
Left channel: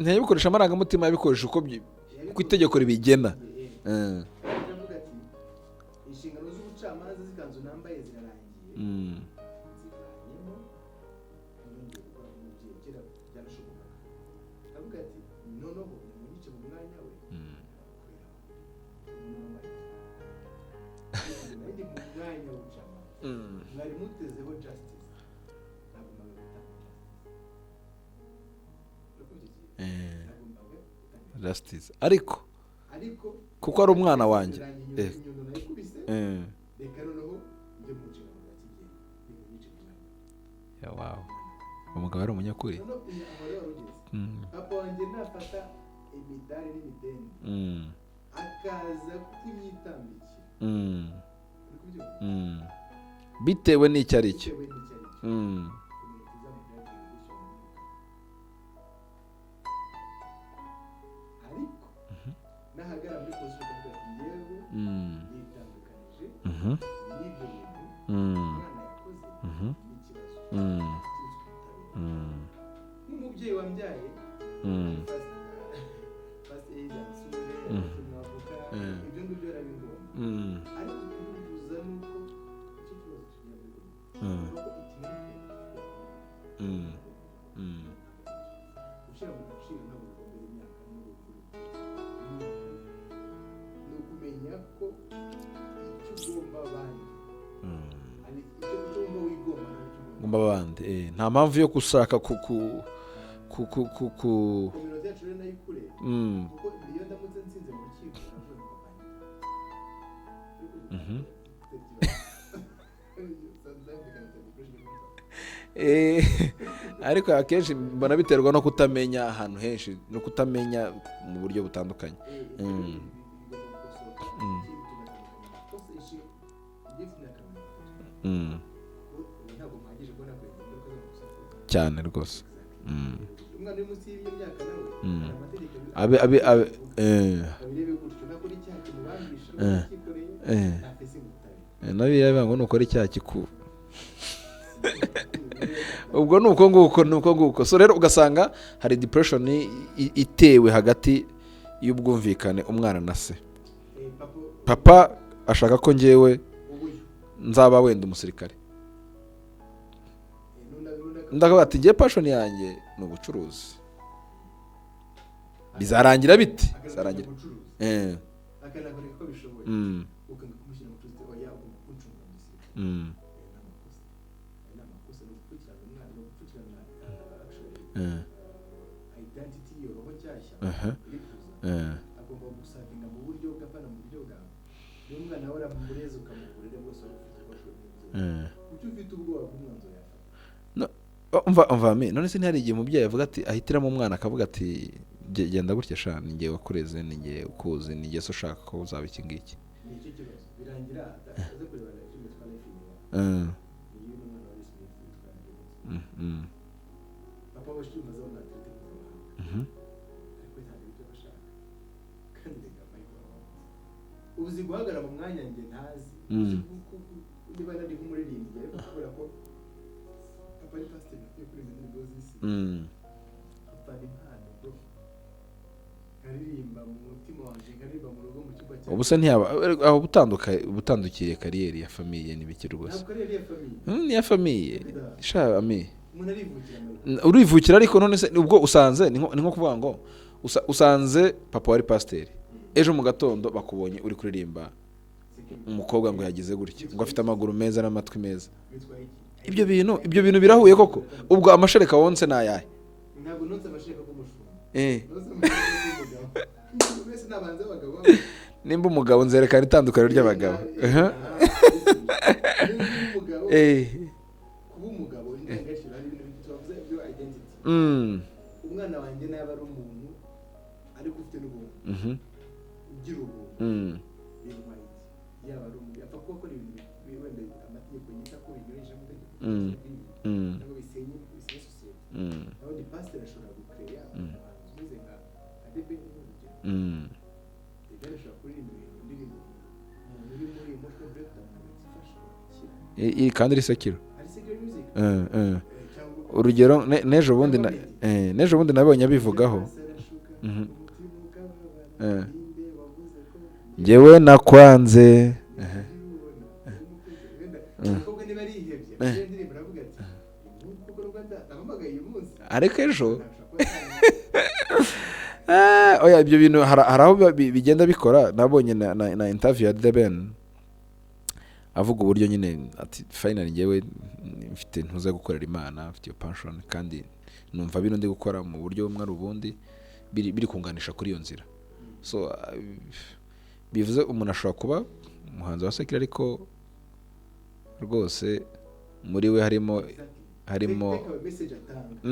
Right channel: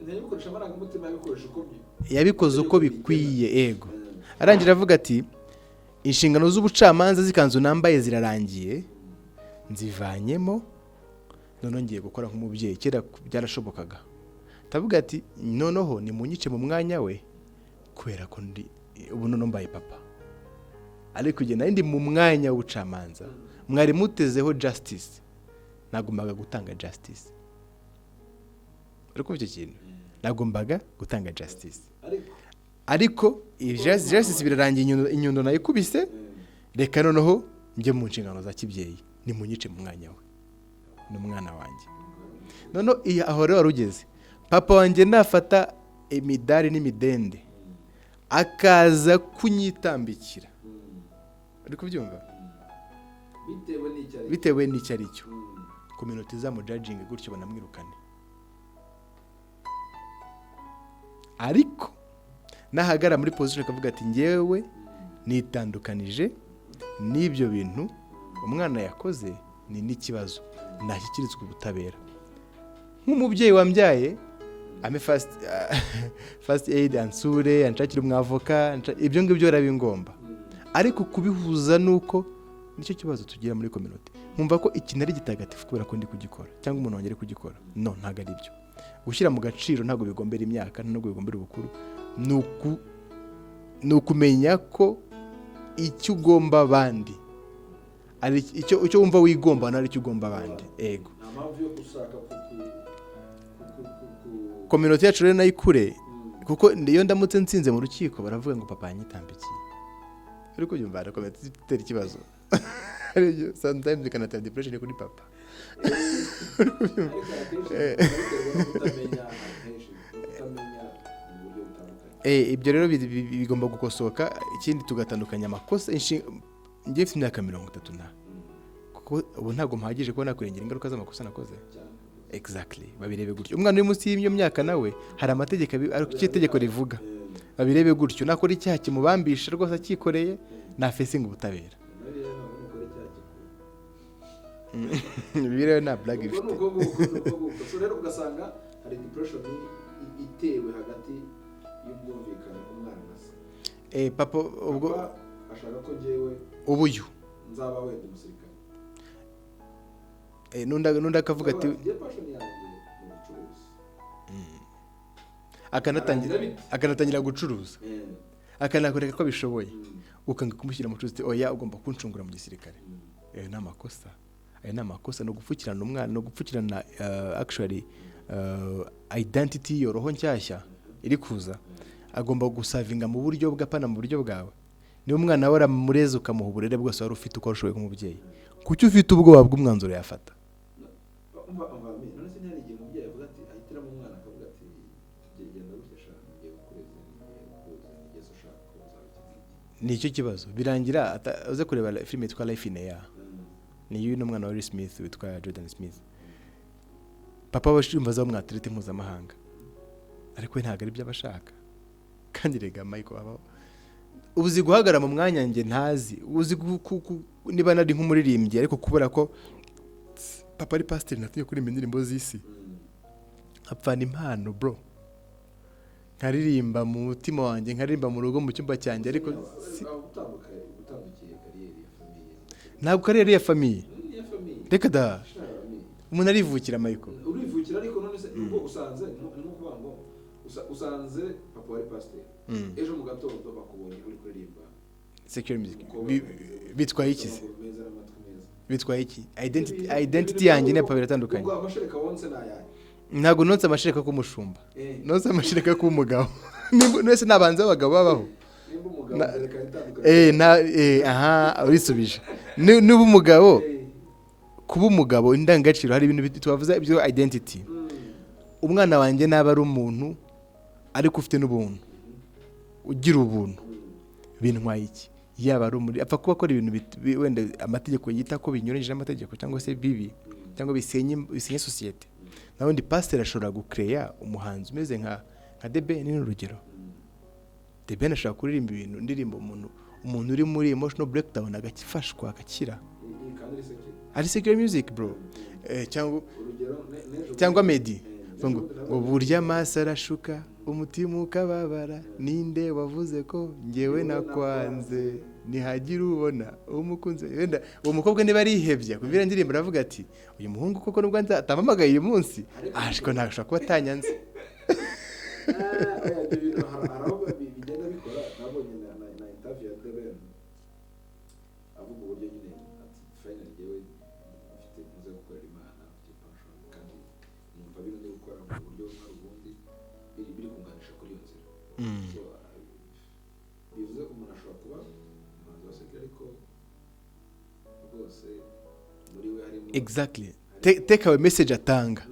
Ntiyabikoresha amarangamutima, yabikoze uko bigena. Yego. Arangira avuga ati inshingano z'ubucamanza z'ikanzu nambaye zirarangiye, nzivanyemo, noneho ngiye gukora nk'umubyeyi. Kera byarashobokaga, ndavuga ati noneho nimunyice mu mwanya we, kubera ko ubu noneho mbaye papa, ariko igihe nari ndi mu mwanya w'ubucamanza mwari mutezeho justice, nagombaga gutanga justice. Ariko icyo kintu nagombaga gutanga justice, ariko kuko ari umwana wanjye birarangiye, inyundo nayikubise, reka noneho njye mu nshingano za kibyeyi, nimunyice mu mwanya we, umwana wanjye. Umugabo ari umunyakuri. Noneho aho rero warugeze, papa wanjye nafata imidari n'imidende akaza kunyitambikira, uri kubyumva, bitewe n'icyo ari cyo, community zamujudging gutyo banamwirukane. Ariko nahagara muri position akavuga ati ngewe nitandukanije n'ibyo bintu umwana yakoze, ni n'ikibazo, nashyikirizwa ubutabera. Nk'umubyeyi wambyaye ame first aid ansure, anshakira umwavoka, ibyo ngibyo yarabi ngomba. Ariko kubihuza nuko nicyo kibazo tugira muri community, nkumva ko ikintu ari gitagatifu kubera ko ndi kugikora, cyangwa umuntu wongere kugikora. No, ntago ari byo. Gushyira mu gaciro ntago bigombera imyaka, ntago bigombera ubukuru, nukumenya ko icyo ugomba abandi ari icyo wumva wigomba, nari icyo ugomba abandi. Nta mpamvu yo gushaka community yacu rero nayikure, kuko iyo ndamutse nsinze mu rukiko baravuga ngo papa yanyitambikiye. Ariko yumva arakomeza ikibazo. Sometimes you can have depression kuri papa. Ariko akenshi barabiterwa no kutamenya ahantu henshi, no kutamenya mu buryo butandukanye. Ibyo rero bigomba gukosoka. Ikindi tugatandukanya amakosa. Ngiye mfite imyaka 30 na ubu ntabwo mpagije kubona kurengera ingaruka z'amakosa nakoze cyane rwose. exactly babirebe gutyo. Umwana uri munsi y'iyo myaka nawe hari amategeko rivuga babirebe gutyo. Nakora icyaha kimubambisha rwose akikoreye na facing ubutabera nabireba ngo nukora icyaha ubwo nuko nguko. So rero ugasanga hari depression itewe hagati y'ubwumvikane umwana na se. Papa ashaka ko njyewe ubuyu nzaba wenda umusirikare, ndavuga ati ngiye passion yanjye ni ubucuruzi. Bizarangira bite? Akanatangira gucuruza akanakoreka ko bishoboye, ukanga kumushyira mu bucuruzi. Oya, ugomba kuncungura mu gisirikare. Ni amakosa. Ni amakosa no gupfukirana umwana, no gupfukirana actually identity yoroho nshyashya iri kuza. Agomba gusavinga mu buryo bw'apana mu buryo bwawe. Niyo umwana wara mureze ukamuha uburere bwose wari ufite uko ushoboye nk'umubyeyi. Kuki ufite ubwoba bw'umwanzuro yafata? umva none se ntihari igihe umubyeyi avuga ati ahitiramo umwana akavuga ati genda gutya sha ninjye wakureze, ninjye ukuzi, ninjye so ushaka ko uzaba iki ngiki. Nicyo kibazo birangira uze kureba filime yitwa Life in Air. Ni y'uno mwana wa Will Smith witwa Jordan Smith. Papa bashimba za mwatirete mpuzamahanga, ariko ntabwo ari by'abashaka. Kandi rega Michael aba uzi guhagara mu mwanya nge ntazi, uzi niba nari nk'umuririmbyi ariko kubera ko papa ari pastor natuye kuri indirimbo z'isi, apfana impano bro. Nkaririmba mu mutima wanjye, nkaririmba mu rugo mu cyumba cyanjye. Ubuse ntiyaba aho butandukiye kariyeri ya famille n'ibikiri gusa. Ntabwo kariyeri ya famille. Ni ya famille. Reka da. Sha ami. Umuntu arivukira Michael. Urivukira ariko none se ubwo usanze ni nko kuvuga ngo usanze papa wari pasteur. Ejo mu gatondo bakubonye uri kuririmba umukobwa ngo yagize gutya, afite amaguru meza n'amatwi meza. Bitwaye iki? Ibyo bintu birahuye ko ubwo amashereka wonse nayahe. Ntabwo nonse amashereka k'umushumba, nonse amashereka k'umugabo. Nese nabanze abagabo babaho. Nimba umugabo nzerekana itandukanye ry'abagabo. Aha bisubije. Niba umugabo kuba umugabo indangagaciro, hari ibintu tubavuza ibyo identity. Umwana wanjye naba ari umuntu ariko ufite n'ubuntu, ugira ubuntu, bintwaye iki? Yaba ari umuri apfa kuba akora ibintu wenda amategeko yita ko binyuranyije n'amategeko cyangwa se bibi cyangwa bisenye societe. Naho ndi pastor ashobora gucreate umuhanzi umeze nka Debe ni urugero. Debe ashobora kuririmba ibintu ndirimbo umuntu uri muri emotional breakdown agakifashwa agakira. Kandi ari secular music. Cyangwa urugero nejo bundi nabonye abivugaho. Burya masarashuka umutima ukababara, ninde wavuze ko ngewe nakwanze nihagira ubona umukunze. Wenda umukobwa niba arihebye kubera ndirimbo aravuga ati uyu muhungu koko nubwo atamamagaye uyu munsi ariko ejo ntashaka kuba atanyanze. Oya ibyo bintu hari aho bigenda bikora. Nabonye na interview ya The Ben avuga uburyo nyine ati finally ngewe mfite ntuza gukorera Imana, mfite iyo passion kandi numva bino ndi gukora mu buryo bumwe ubundi biri kunganisha kuri iyo nzira. So bivuze umuntu ashobora kuba umuhanzi wa secular ariko rwose muri we harimo exactly take away message atanga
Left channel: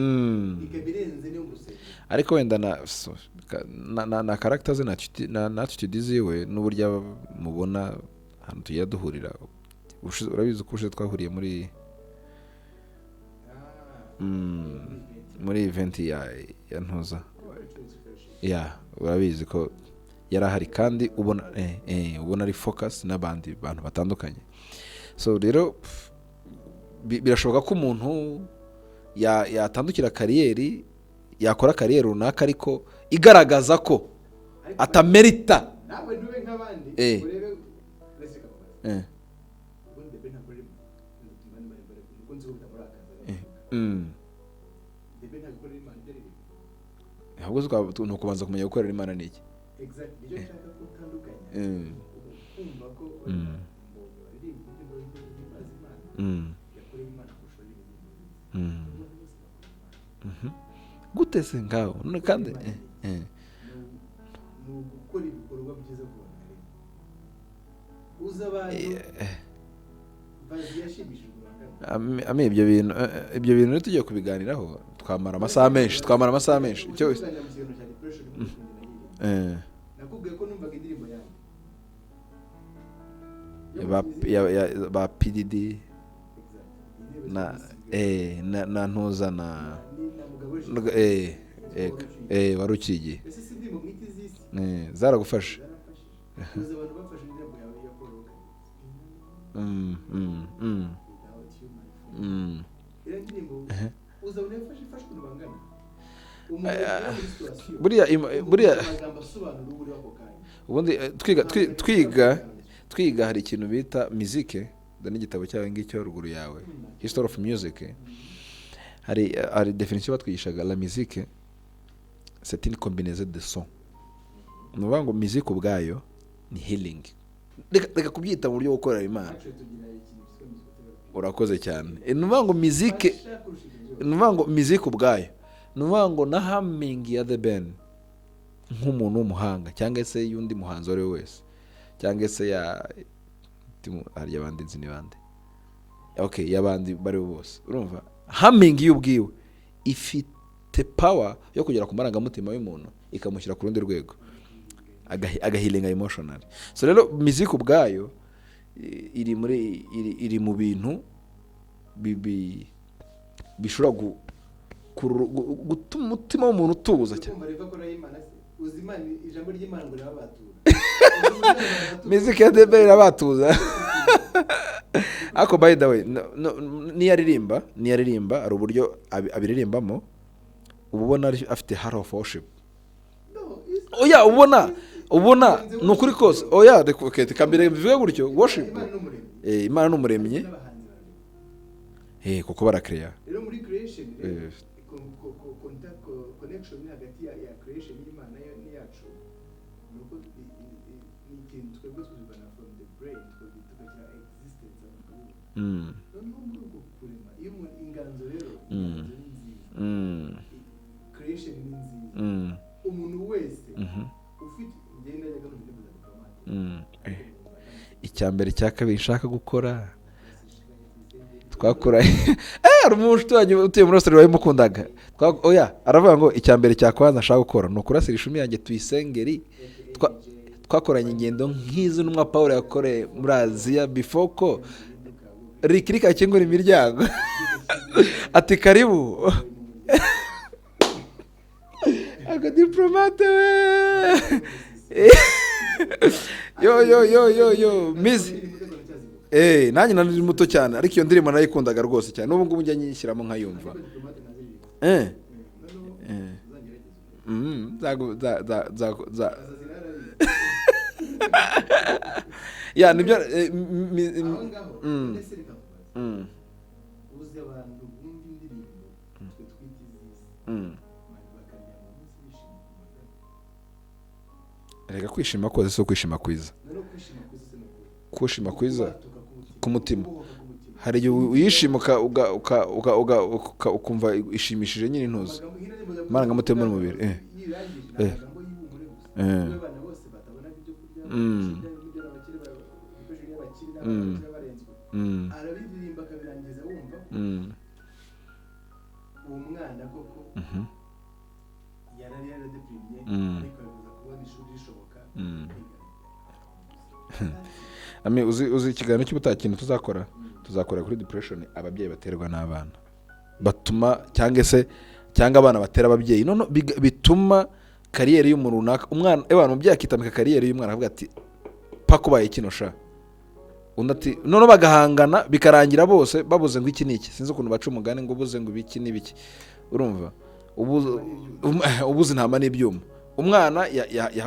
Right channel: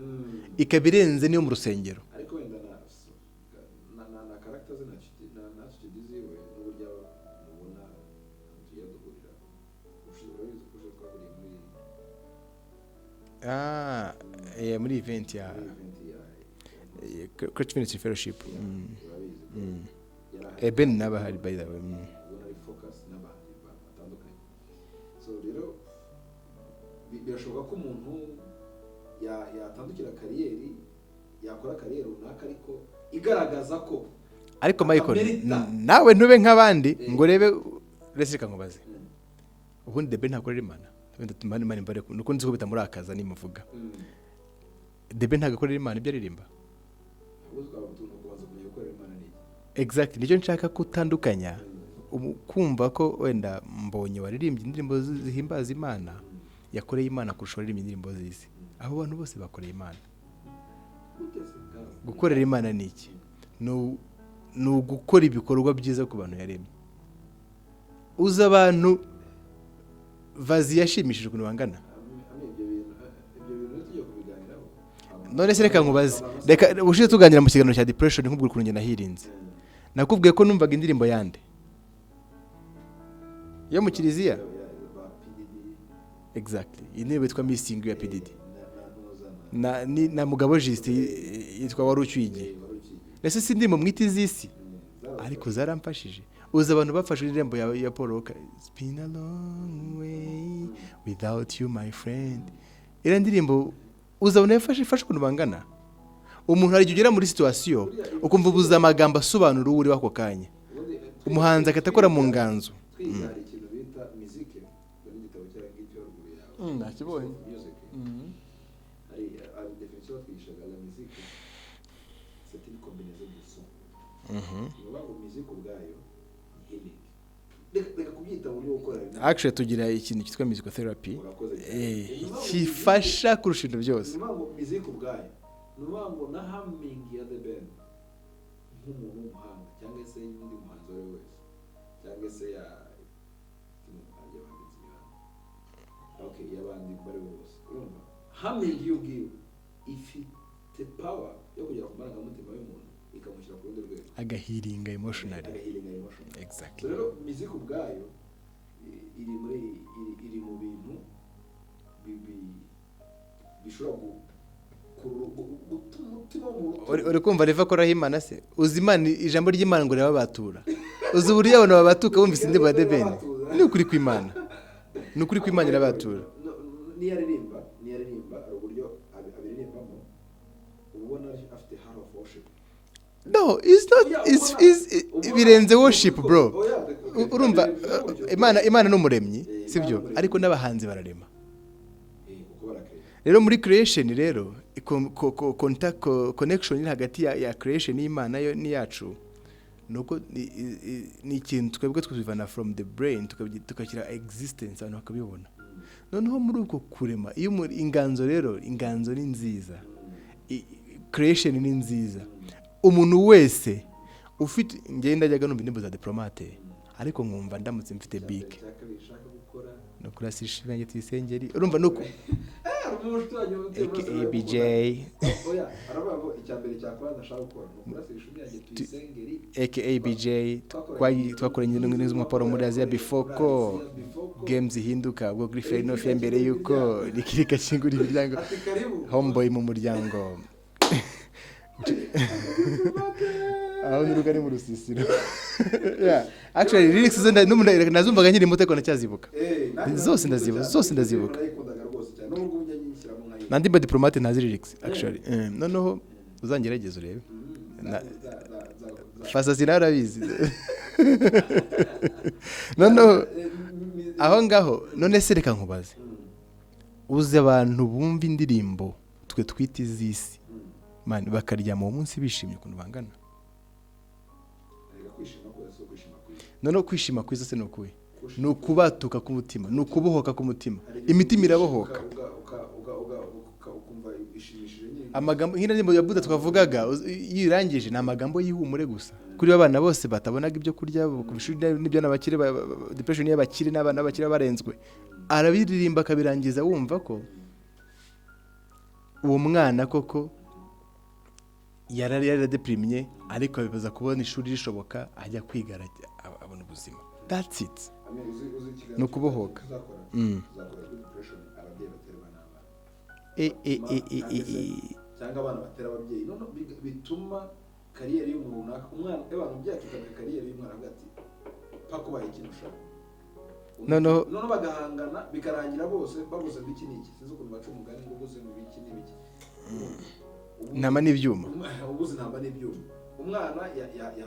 ikabirenze niyo mu rusengero, ariko wenda na character ze na attitude ziwe n'uburyo mubona hano tugiye duhurira. Urabizi ko ushe twahuriye muri muri event ya ntuza Christian Fellowship. Urabizi ko yarahari kandi ubona ari focus n'abandi bantu batandukanye. So rero birashoboka ko umuntu yatandukira kariyeri, yakora kariyeri runaka ariko igaragaza ko atamerita. Nawe ntube nk'abandi ngo rebe resika nkubaze. Ubundi Debe ntakorera Imana. Wenda tumane Imana imbare nuko nzi ko bitamurakaza nimuvuga. Debe ntagakorera Imana ibyo aririmba. Ahubwo nukubanza kumenya gukorera Imana niki. Exactly, nicyo nshaka kutandukanya. Kumva ko wenda mbonye waririmbye indirimbo zihimbaza Imana, yakoreye Imana kurusha waririmbye indirimbo z'isi. Abo bantu bose bakoreye Imana. Gute se ngaho? Gukorera Imana niki? No gukora ibikorwa byiza ku bantu yaremye. Uza abantu vazi yashimishije ukuntu bangana. Ibyo bintu tugiye kubiganiraho. Twamara amasaha. Reka ushize tuganira mu kiganiro cya depression nk'ubwo kurunge nahirinze. Nakubwiye ko numvaga indirimbo yande yo mu kiliziya ba PDD exactly intebe twa missing na ntuza na mugabo Justin yitwa warukiye ese sindi mu mwiti z'isi zaragufasha zaramfashije uza abantu bafashe irembo ya Paul Walker it's been a long way without you my friend ira ndirimbo uza abantu yafashe kuntu bangana umuntu ari kugera muri situation ukumva uguza amagambo asobanura uri wako kanya ubundi twiga mu nganzo twiga hari ikintu bita musique n'igitabo cyawe ngicyo ruguru yawe history of music hari definition batwigishaga la musique c'est une combinaison de sons nuvuga ngo musique ubwayo ni healing reka kubyita mu buryo bwo gukora Imana actually tugira ikintu cyitwa musical therapy urakoze cyane nuvuga ngo musique fasha kurusha ibintu byose nuvuga ngo musique ubwayo nuvuga ngo na humming ya the band nk'umuntu w'umuhanga cyangwa se y'undi muhanzi wari wese cyangwa se ya hari abandi nzi ni bande okay yabandi bari bose urumva humming y'ubwiwe ifite power yo kugera ku marangamutima y'umuntu ikamushyira ku rundi rwego agahilinga emotional so rero music ubwayo iri mu bintu bishobora gutuma umutima w'umuntu utuza uri kumva reva ko rahimana se uzi Imana ijambo ry'Imana ngo reba batura uzi buriya abantu babatuka music ya debera batuza kuri kw'Imana ako by the way niyaririmba ari uburyo abiririmbamo ubona afite heart of worship no it's not ubona birenze worship bro kamere bivuga gutyo Imana n'umuremyi ariko n'abahanzi bararema kuko barakreya rero muri creation rero contact connection iri hagati ya creation y'Imana yo ni yacu nuko ni ikintu twebwe twivana from the brain tukakira existence abantu bakabibona noneho muri uko kurema iyo inganzo rero inganzo ni nziza creation ni nziza umuntu wese ufite ngenda njyaga numva indirimbo za Diplomate ariko nkumva ndamutse mfite icyambere cya kabiri nshaka gukora no kurasisha ibyanjye tuyisengeri urumva umuntu twanyu utuye muri Australia wayimukundaga aravuga ngo icyambere cya kwanza nshaka gukora no kurasisha ibyanjye tuyisengeri aka BJ twakoranye ingendo nk'izo n'umwa Paul yakore muri Asia before ko games hinduka ubwo rikirika kingura imiryango ati karibu homeboy mu muryango Diplomate actually nazumvaga nkiri muto ko nacyazibuka nanjye nanuzi muto cyane ariko iyo ndirimbo nayikundaga rwose cyane n'ubu ngubu njya nyishyiramo nkayo nandi ba Diplomate ntazi lyrics actually noneho uzangerageza urebe fasa sinarabizi aho ngaho none se reka nkubaze uzi abantu bumva indirimbo twe twita izisi mani bakarya mu munsi bishimye ukuntu bangana reka kwishima koze so kwishima kwiza none kwishima kwiza se no kuyi kwishima kwiza kubatuka ku mutima no kubohoka ku mutima imishimuka ukumva ishimishije nyine ntuzi amagambo nk'ina ndimo yabuze twavugaga yirangije na amagambo y'ihumure gusa kuri abana bose batabonaga ibyo kurya n'ibyo n'abakire depression y'abakire n'abana bakire barenzwe arabiririmba akabirangiza wumva ko uwo mwana koko yarari deprimye ariko bibaza kubona ishuri rishoboka ajya kwiga abona ubuzima that's it uzi ikiganiro cy'ubutakintu tuzakora kuri depression ababyeyi baterwa n'abana batuma cyangwa abana batera ababyeyi none bituma kariyeri y'umuntu runaka umwana abantu umubyeyi akitamika kariyeri y'umwana avuga ati pakubaye kino sha none bagahangana bikarangira bose babuze ngo iki niki sinzi ukuntu baca umugani ngo ubuze ngo ibiki n'ibiki urumva ntama n'ibyuma ubuze ntama n'ibyuma umwana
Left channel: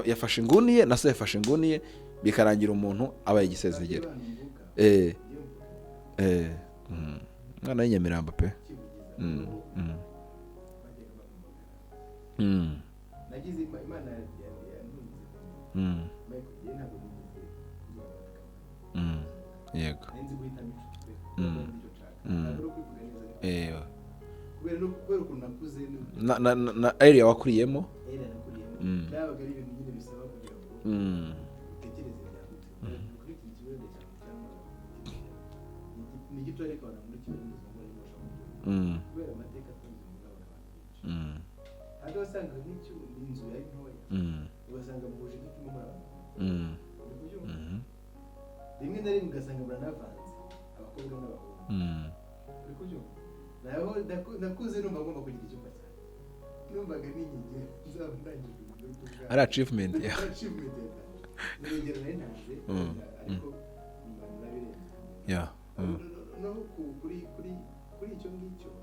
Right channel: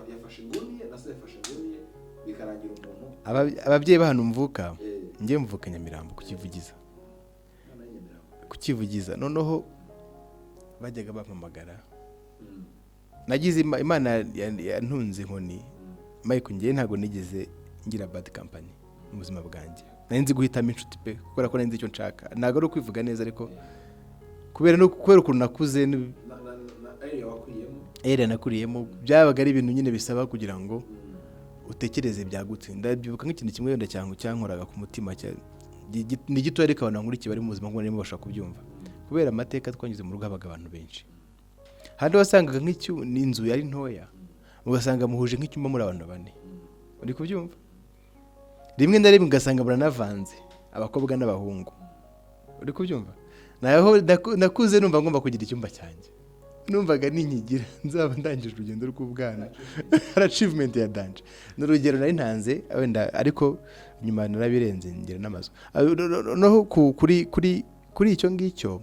yafashe inguni ye na se yafashe inguni ye bikarangira umuntu ababyeyi bahano mvuka ngiye mvuka Nyamirambo kukivugiza umwana w'Inyamirambo pe kukivugiza noneho bajyaga bampamagara nagize Imana yantunze inkoni Mike ngiye ntago nigeze ngira bad company mu buzima bwanjye nzi guhitamo inshuti pe kubera ko nzi icyo nshaka ntago ari kwivuga neza ariko kubera ukuntu nakuze na area wakuriyemo nakuriyemo byabaga ari ibintu nyine bisaba kugira ngo utekereze byagutse ndabyibuka nk'ikintu kimwe wenda cyankoraga ku mutima ni gito ariko abantu nkurikiye bari mu buzima bwo barimo bashaka kubyumva kubera amateka twanyuze mu rugo habaga abantu benshi handi wasangaga n'inzu yari ntoya ugasanga muhuje nk'icyumba muri abantu bane uri kubyumva rimwe na rimwe ugasanga buranavanze abakobwa n'abahungu. Uri kubyumva? Naho nakuze numva ngomba kugira icyumba cyanjye, numvaga ninyigira nzaba ndangije urugendo rw'ubwana. Ari achievement ya danje. N'urugero nari ntanze wenda, ariko nyuma narabirenze ngera n'amaso. Noho kuri icyo ngicyo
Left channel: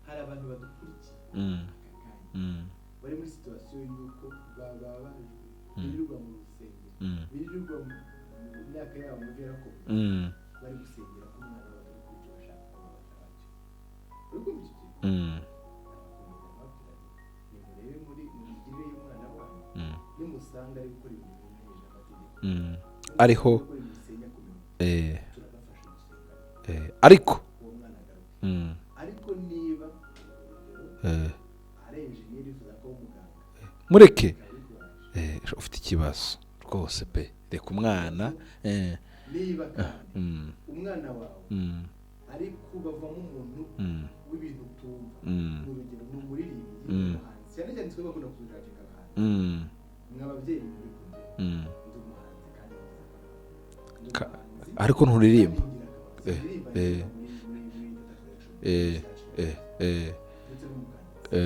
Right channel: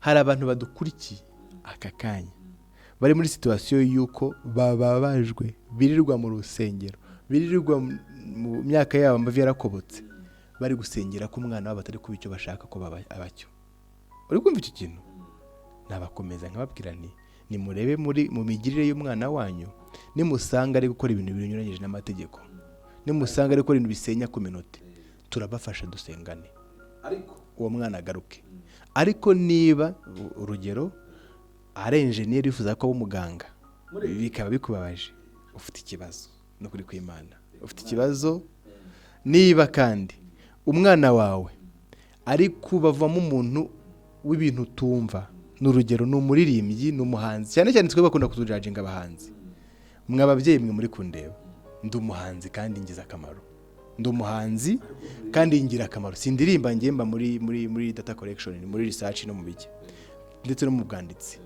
hari abantu badukurikiye aka kanya bari muri situation yuko bababajwe, birirwa mu rusengero, birirwa mu myaka yabo amavi yarakobotse, bari gusengera ko umwana wabo atari kuba icyo bashaka ko abacyo. Uri kumva iki kintu? Nabakomeza nkababwira ni murebe mu migirire y'umwana wanyu, nimusanga ari gukora ibintu binyuranyije n'amategeko, nimusanga ari gukora ibintu bisenya ku minota, turabafasha dusengane, ariko uwo mwana agaruke. Ariko niba urugero ari engineer yifuza ko aba umuganga, mureke, bikaba bikubabaje, ufite ikibazo rwose pe, reka umwana. Niba kandi umwana wawe ari kubavamo umuntu w'ibintu utumva, n'urugero ni umuririmbyi, ni umuhanzi, cyane cyane twe bakunda kutujajinga abahanzi. Mwe ababyeyi mwe muri kundeba, ndi umuhanzi kandi ngize akamaro, ndi umuhanzi ariko nturirimba kandi ngira akamaro. Sindirimba ngemba muri data collection, muri research no muri ndetse no mu bwanditsi.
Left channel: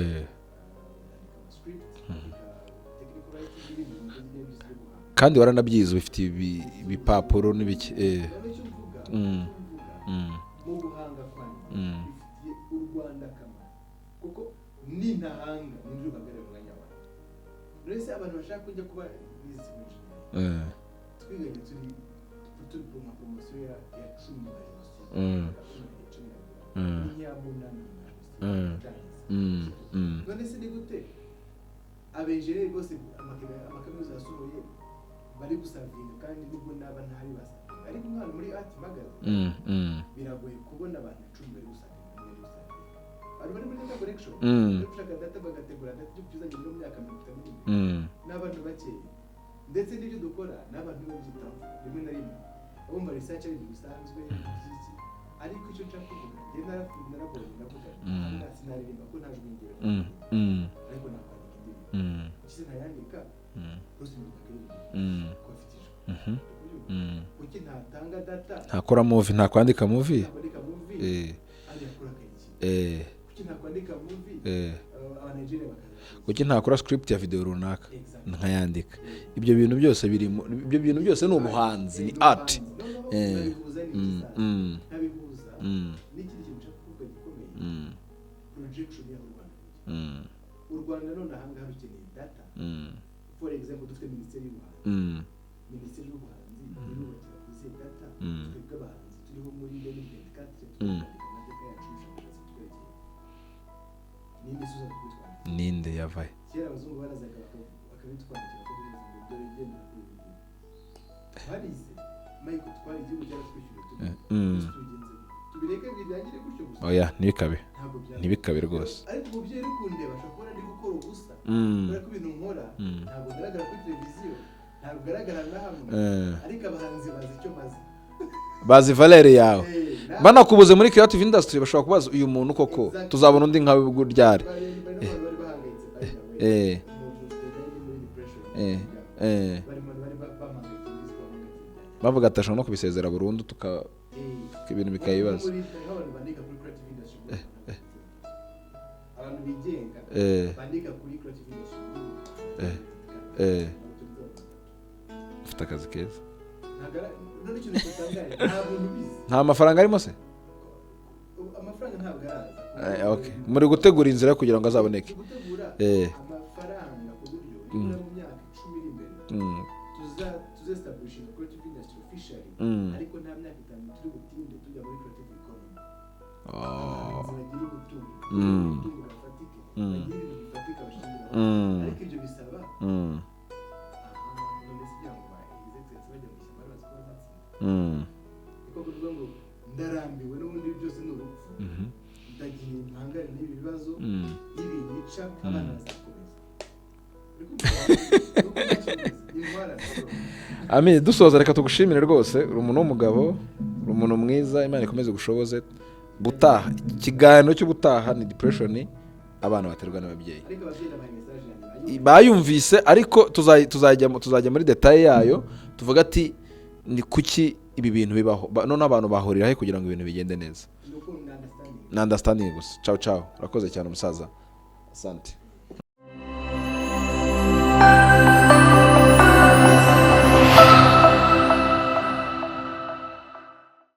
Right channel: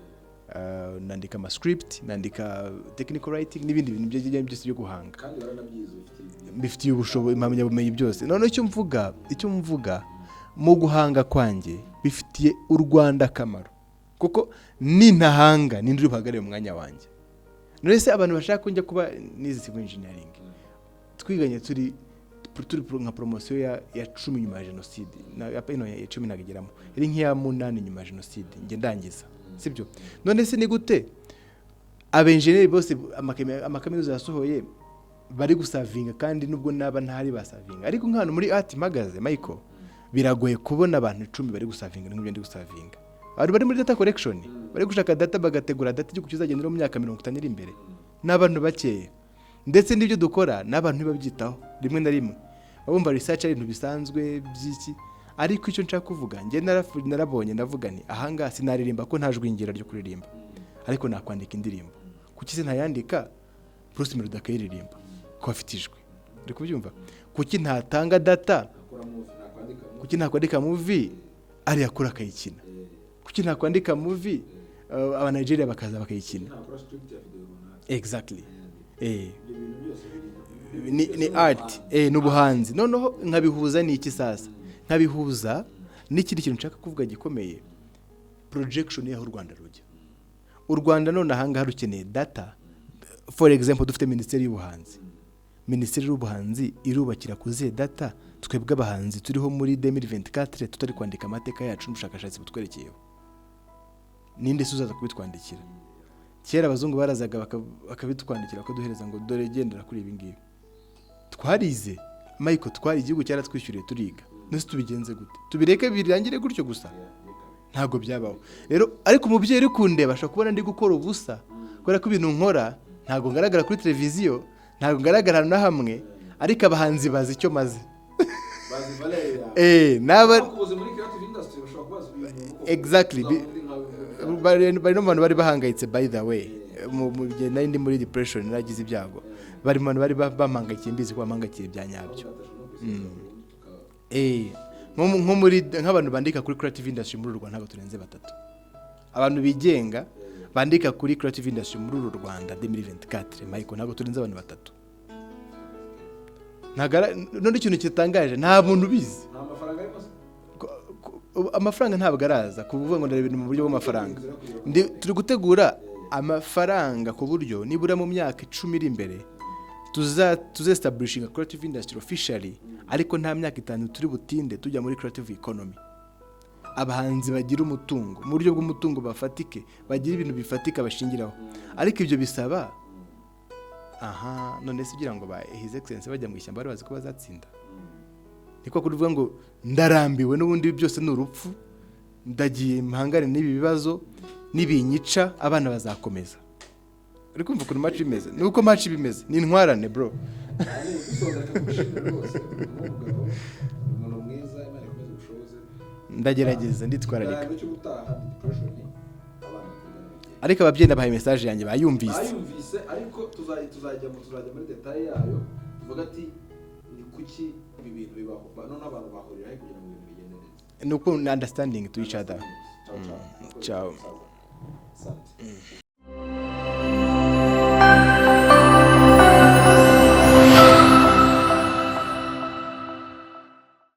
Nandika ama script, nandika technical writing n'ibindi bintu byose byo guhanga, kandi waranabyize, bifitiye ubushobozi byose. None icyo mvuga mu guhanga kwanjye bifitiye u Rwanda akamaro, kuko nintahanga nindiri buhagarare mu mwanya wanjye. None se abantu bashaka kunjya kuba nize civil engineering, twiganye turi nka promotion ya 10 nyuma ya jenoside, ya 10 nageramo, iri nk'iya 8 nyuma ya jenoside nge ndangiza, sibyo? None se ni gute abenjeneri bose amakaminuza yasohoye bari gusavinga, kandi nubwo naba ntari basavinga, ariko nk'ahantu muri art magaze Michael, biragoye kubona abantu 10 bari gusavinga n'ibyo ndi gusavinga. Bari muri data collection, bari gushaka data, bagategura data cyo kuzagendera mu myaka 50 iri imbere, n'abantu bakeye. Ndetse n'ibyo dukora n'abantu babyitaho rimwe na rimwe, abumva research ari ibintu bisanzwe by'iki. Ariko icyo nshaka kuvuga, nge narabonye ndavuga ni ahanga sinaririmba ko ntajwingira ryo kuririmba, ariko nakwandika indirimbo. Kuki se ntayandika Bruce Melody akayiririmba ko afitijwe? Uri kubyumva? Kuki ntatanga data, ntakora movie, ntakwandika movie ari yakora akayikina? Kuki ntakwandika movie aba Nigeria bakaza bakayikina? Kuki ntakora script ya video runaka exactly nkayandika? Ibyo bintu byose biri, ibyo bintu byose ni ubuhanzi. Noneho nkabihuza n'iki sasa? Nkabihuza n'ikindi kintu nshaka kuvuga gikomeye, projection y'aho u Rwanda rujya. U Rwanda none ahanga harukeneye data. For example, dufite Minisiteri y'Ubuhanzi. Minisiteri y'Ubuhanzi irubakira kuziye data. Twebwe abahanzi turiho muri 2024 tutari kwandika amateka yacu n'ubushakashatsi butwerekeyeho. Ninde suzaza kubitwandikira? Ninde yavaye? Kera abazungu barazaga bakabitwandikira ko duhereza ngo dore gendera kuri ibi ngibi. Twarize Michael, twari igihugu cyaratwishyuriye turiga. Nese tubigenze gute? Tubireke birangire gutyo gusa? Oya, nibikabe. Ntago byaba. Rero ariko umubyeyi uri kundeba ashaka kubona ndi gukora ubusa, kubera ko ibintu nkora ntago ngaragara kuri televiziyo, ntago ngaragara na hamwe, ariko abahanzi bazi icyo maze, bazi valere yawe. Banakubuze muri creative industry bashobora kubaza uyu muntu koko tuzabona undi nkawe guryari. Bari no muntu bari bahangayitse, by the way, mu gihe nari muri depression nagize ibyago, bari muntu bari bamangakiye, mbizi ko bamangakiye byanyanga, bavuga atashobora no kubisezera burundu tuka ibintu bikaye. Nko muri nk'abantu bandika kuri creative industry muri Rwanda ntabwo turenze 3. Abantu bigenga bandika kuri creative industry muri Rwanda 2024 ariko ntabwo turenze abantu 3. Ufite akazi keza. None ikintu kitangaje, nta muntu ubizi. Nta mafaranga arimo se? Amafaranga ntabwo araza kuvuga ngo ibintu muri gutegura inzira kugira ngo azaboneke. Turi gutegura amafaranga ku buryo nibura mu myaka 10 iri imbere establishing creative industry officially, ariko nta myaka 5 turi butinde tujya muri creative economy. Abahanzi bagira umutungo, mu buryo bw'umutungo bafatike, bagira ibintu bifatika bashingiraho. Ariko ibyo bisaba none se kugira ngo ba his excellence bajya mu ishyamba bari bazi ko bazatsinda. Niko kuvuga ngo ndarambiwe n'ubundi byose n'urupfu, ndagiye mpangane n'ibi bibazo, n'ibinyica, abana bazakomeza. Ariko kumva ko match bimeze, nuko match bimeze, ni intwarane bro. Amen, dusoza reka tugushimire rwose, uri umuntu w'umugabo, uri umuntu mwiza, Imana ikomeze gushoboze. Ndagerageza ikiganiro cyo gutaha ni depression, abana baterwa n'ababyeyi. Ariko ababyeyi ndabahaye message yanjye bayumvise, ariko tuzajya muri detail yayo, tuvuga ati ni kuki ibi bintu bibaho none abantu bahurira he kugira ngo ibintu bigende neza ni uko ni understanding gusa ciao ciao urakoze cyane musaza asante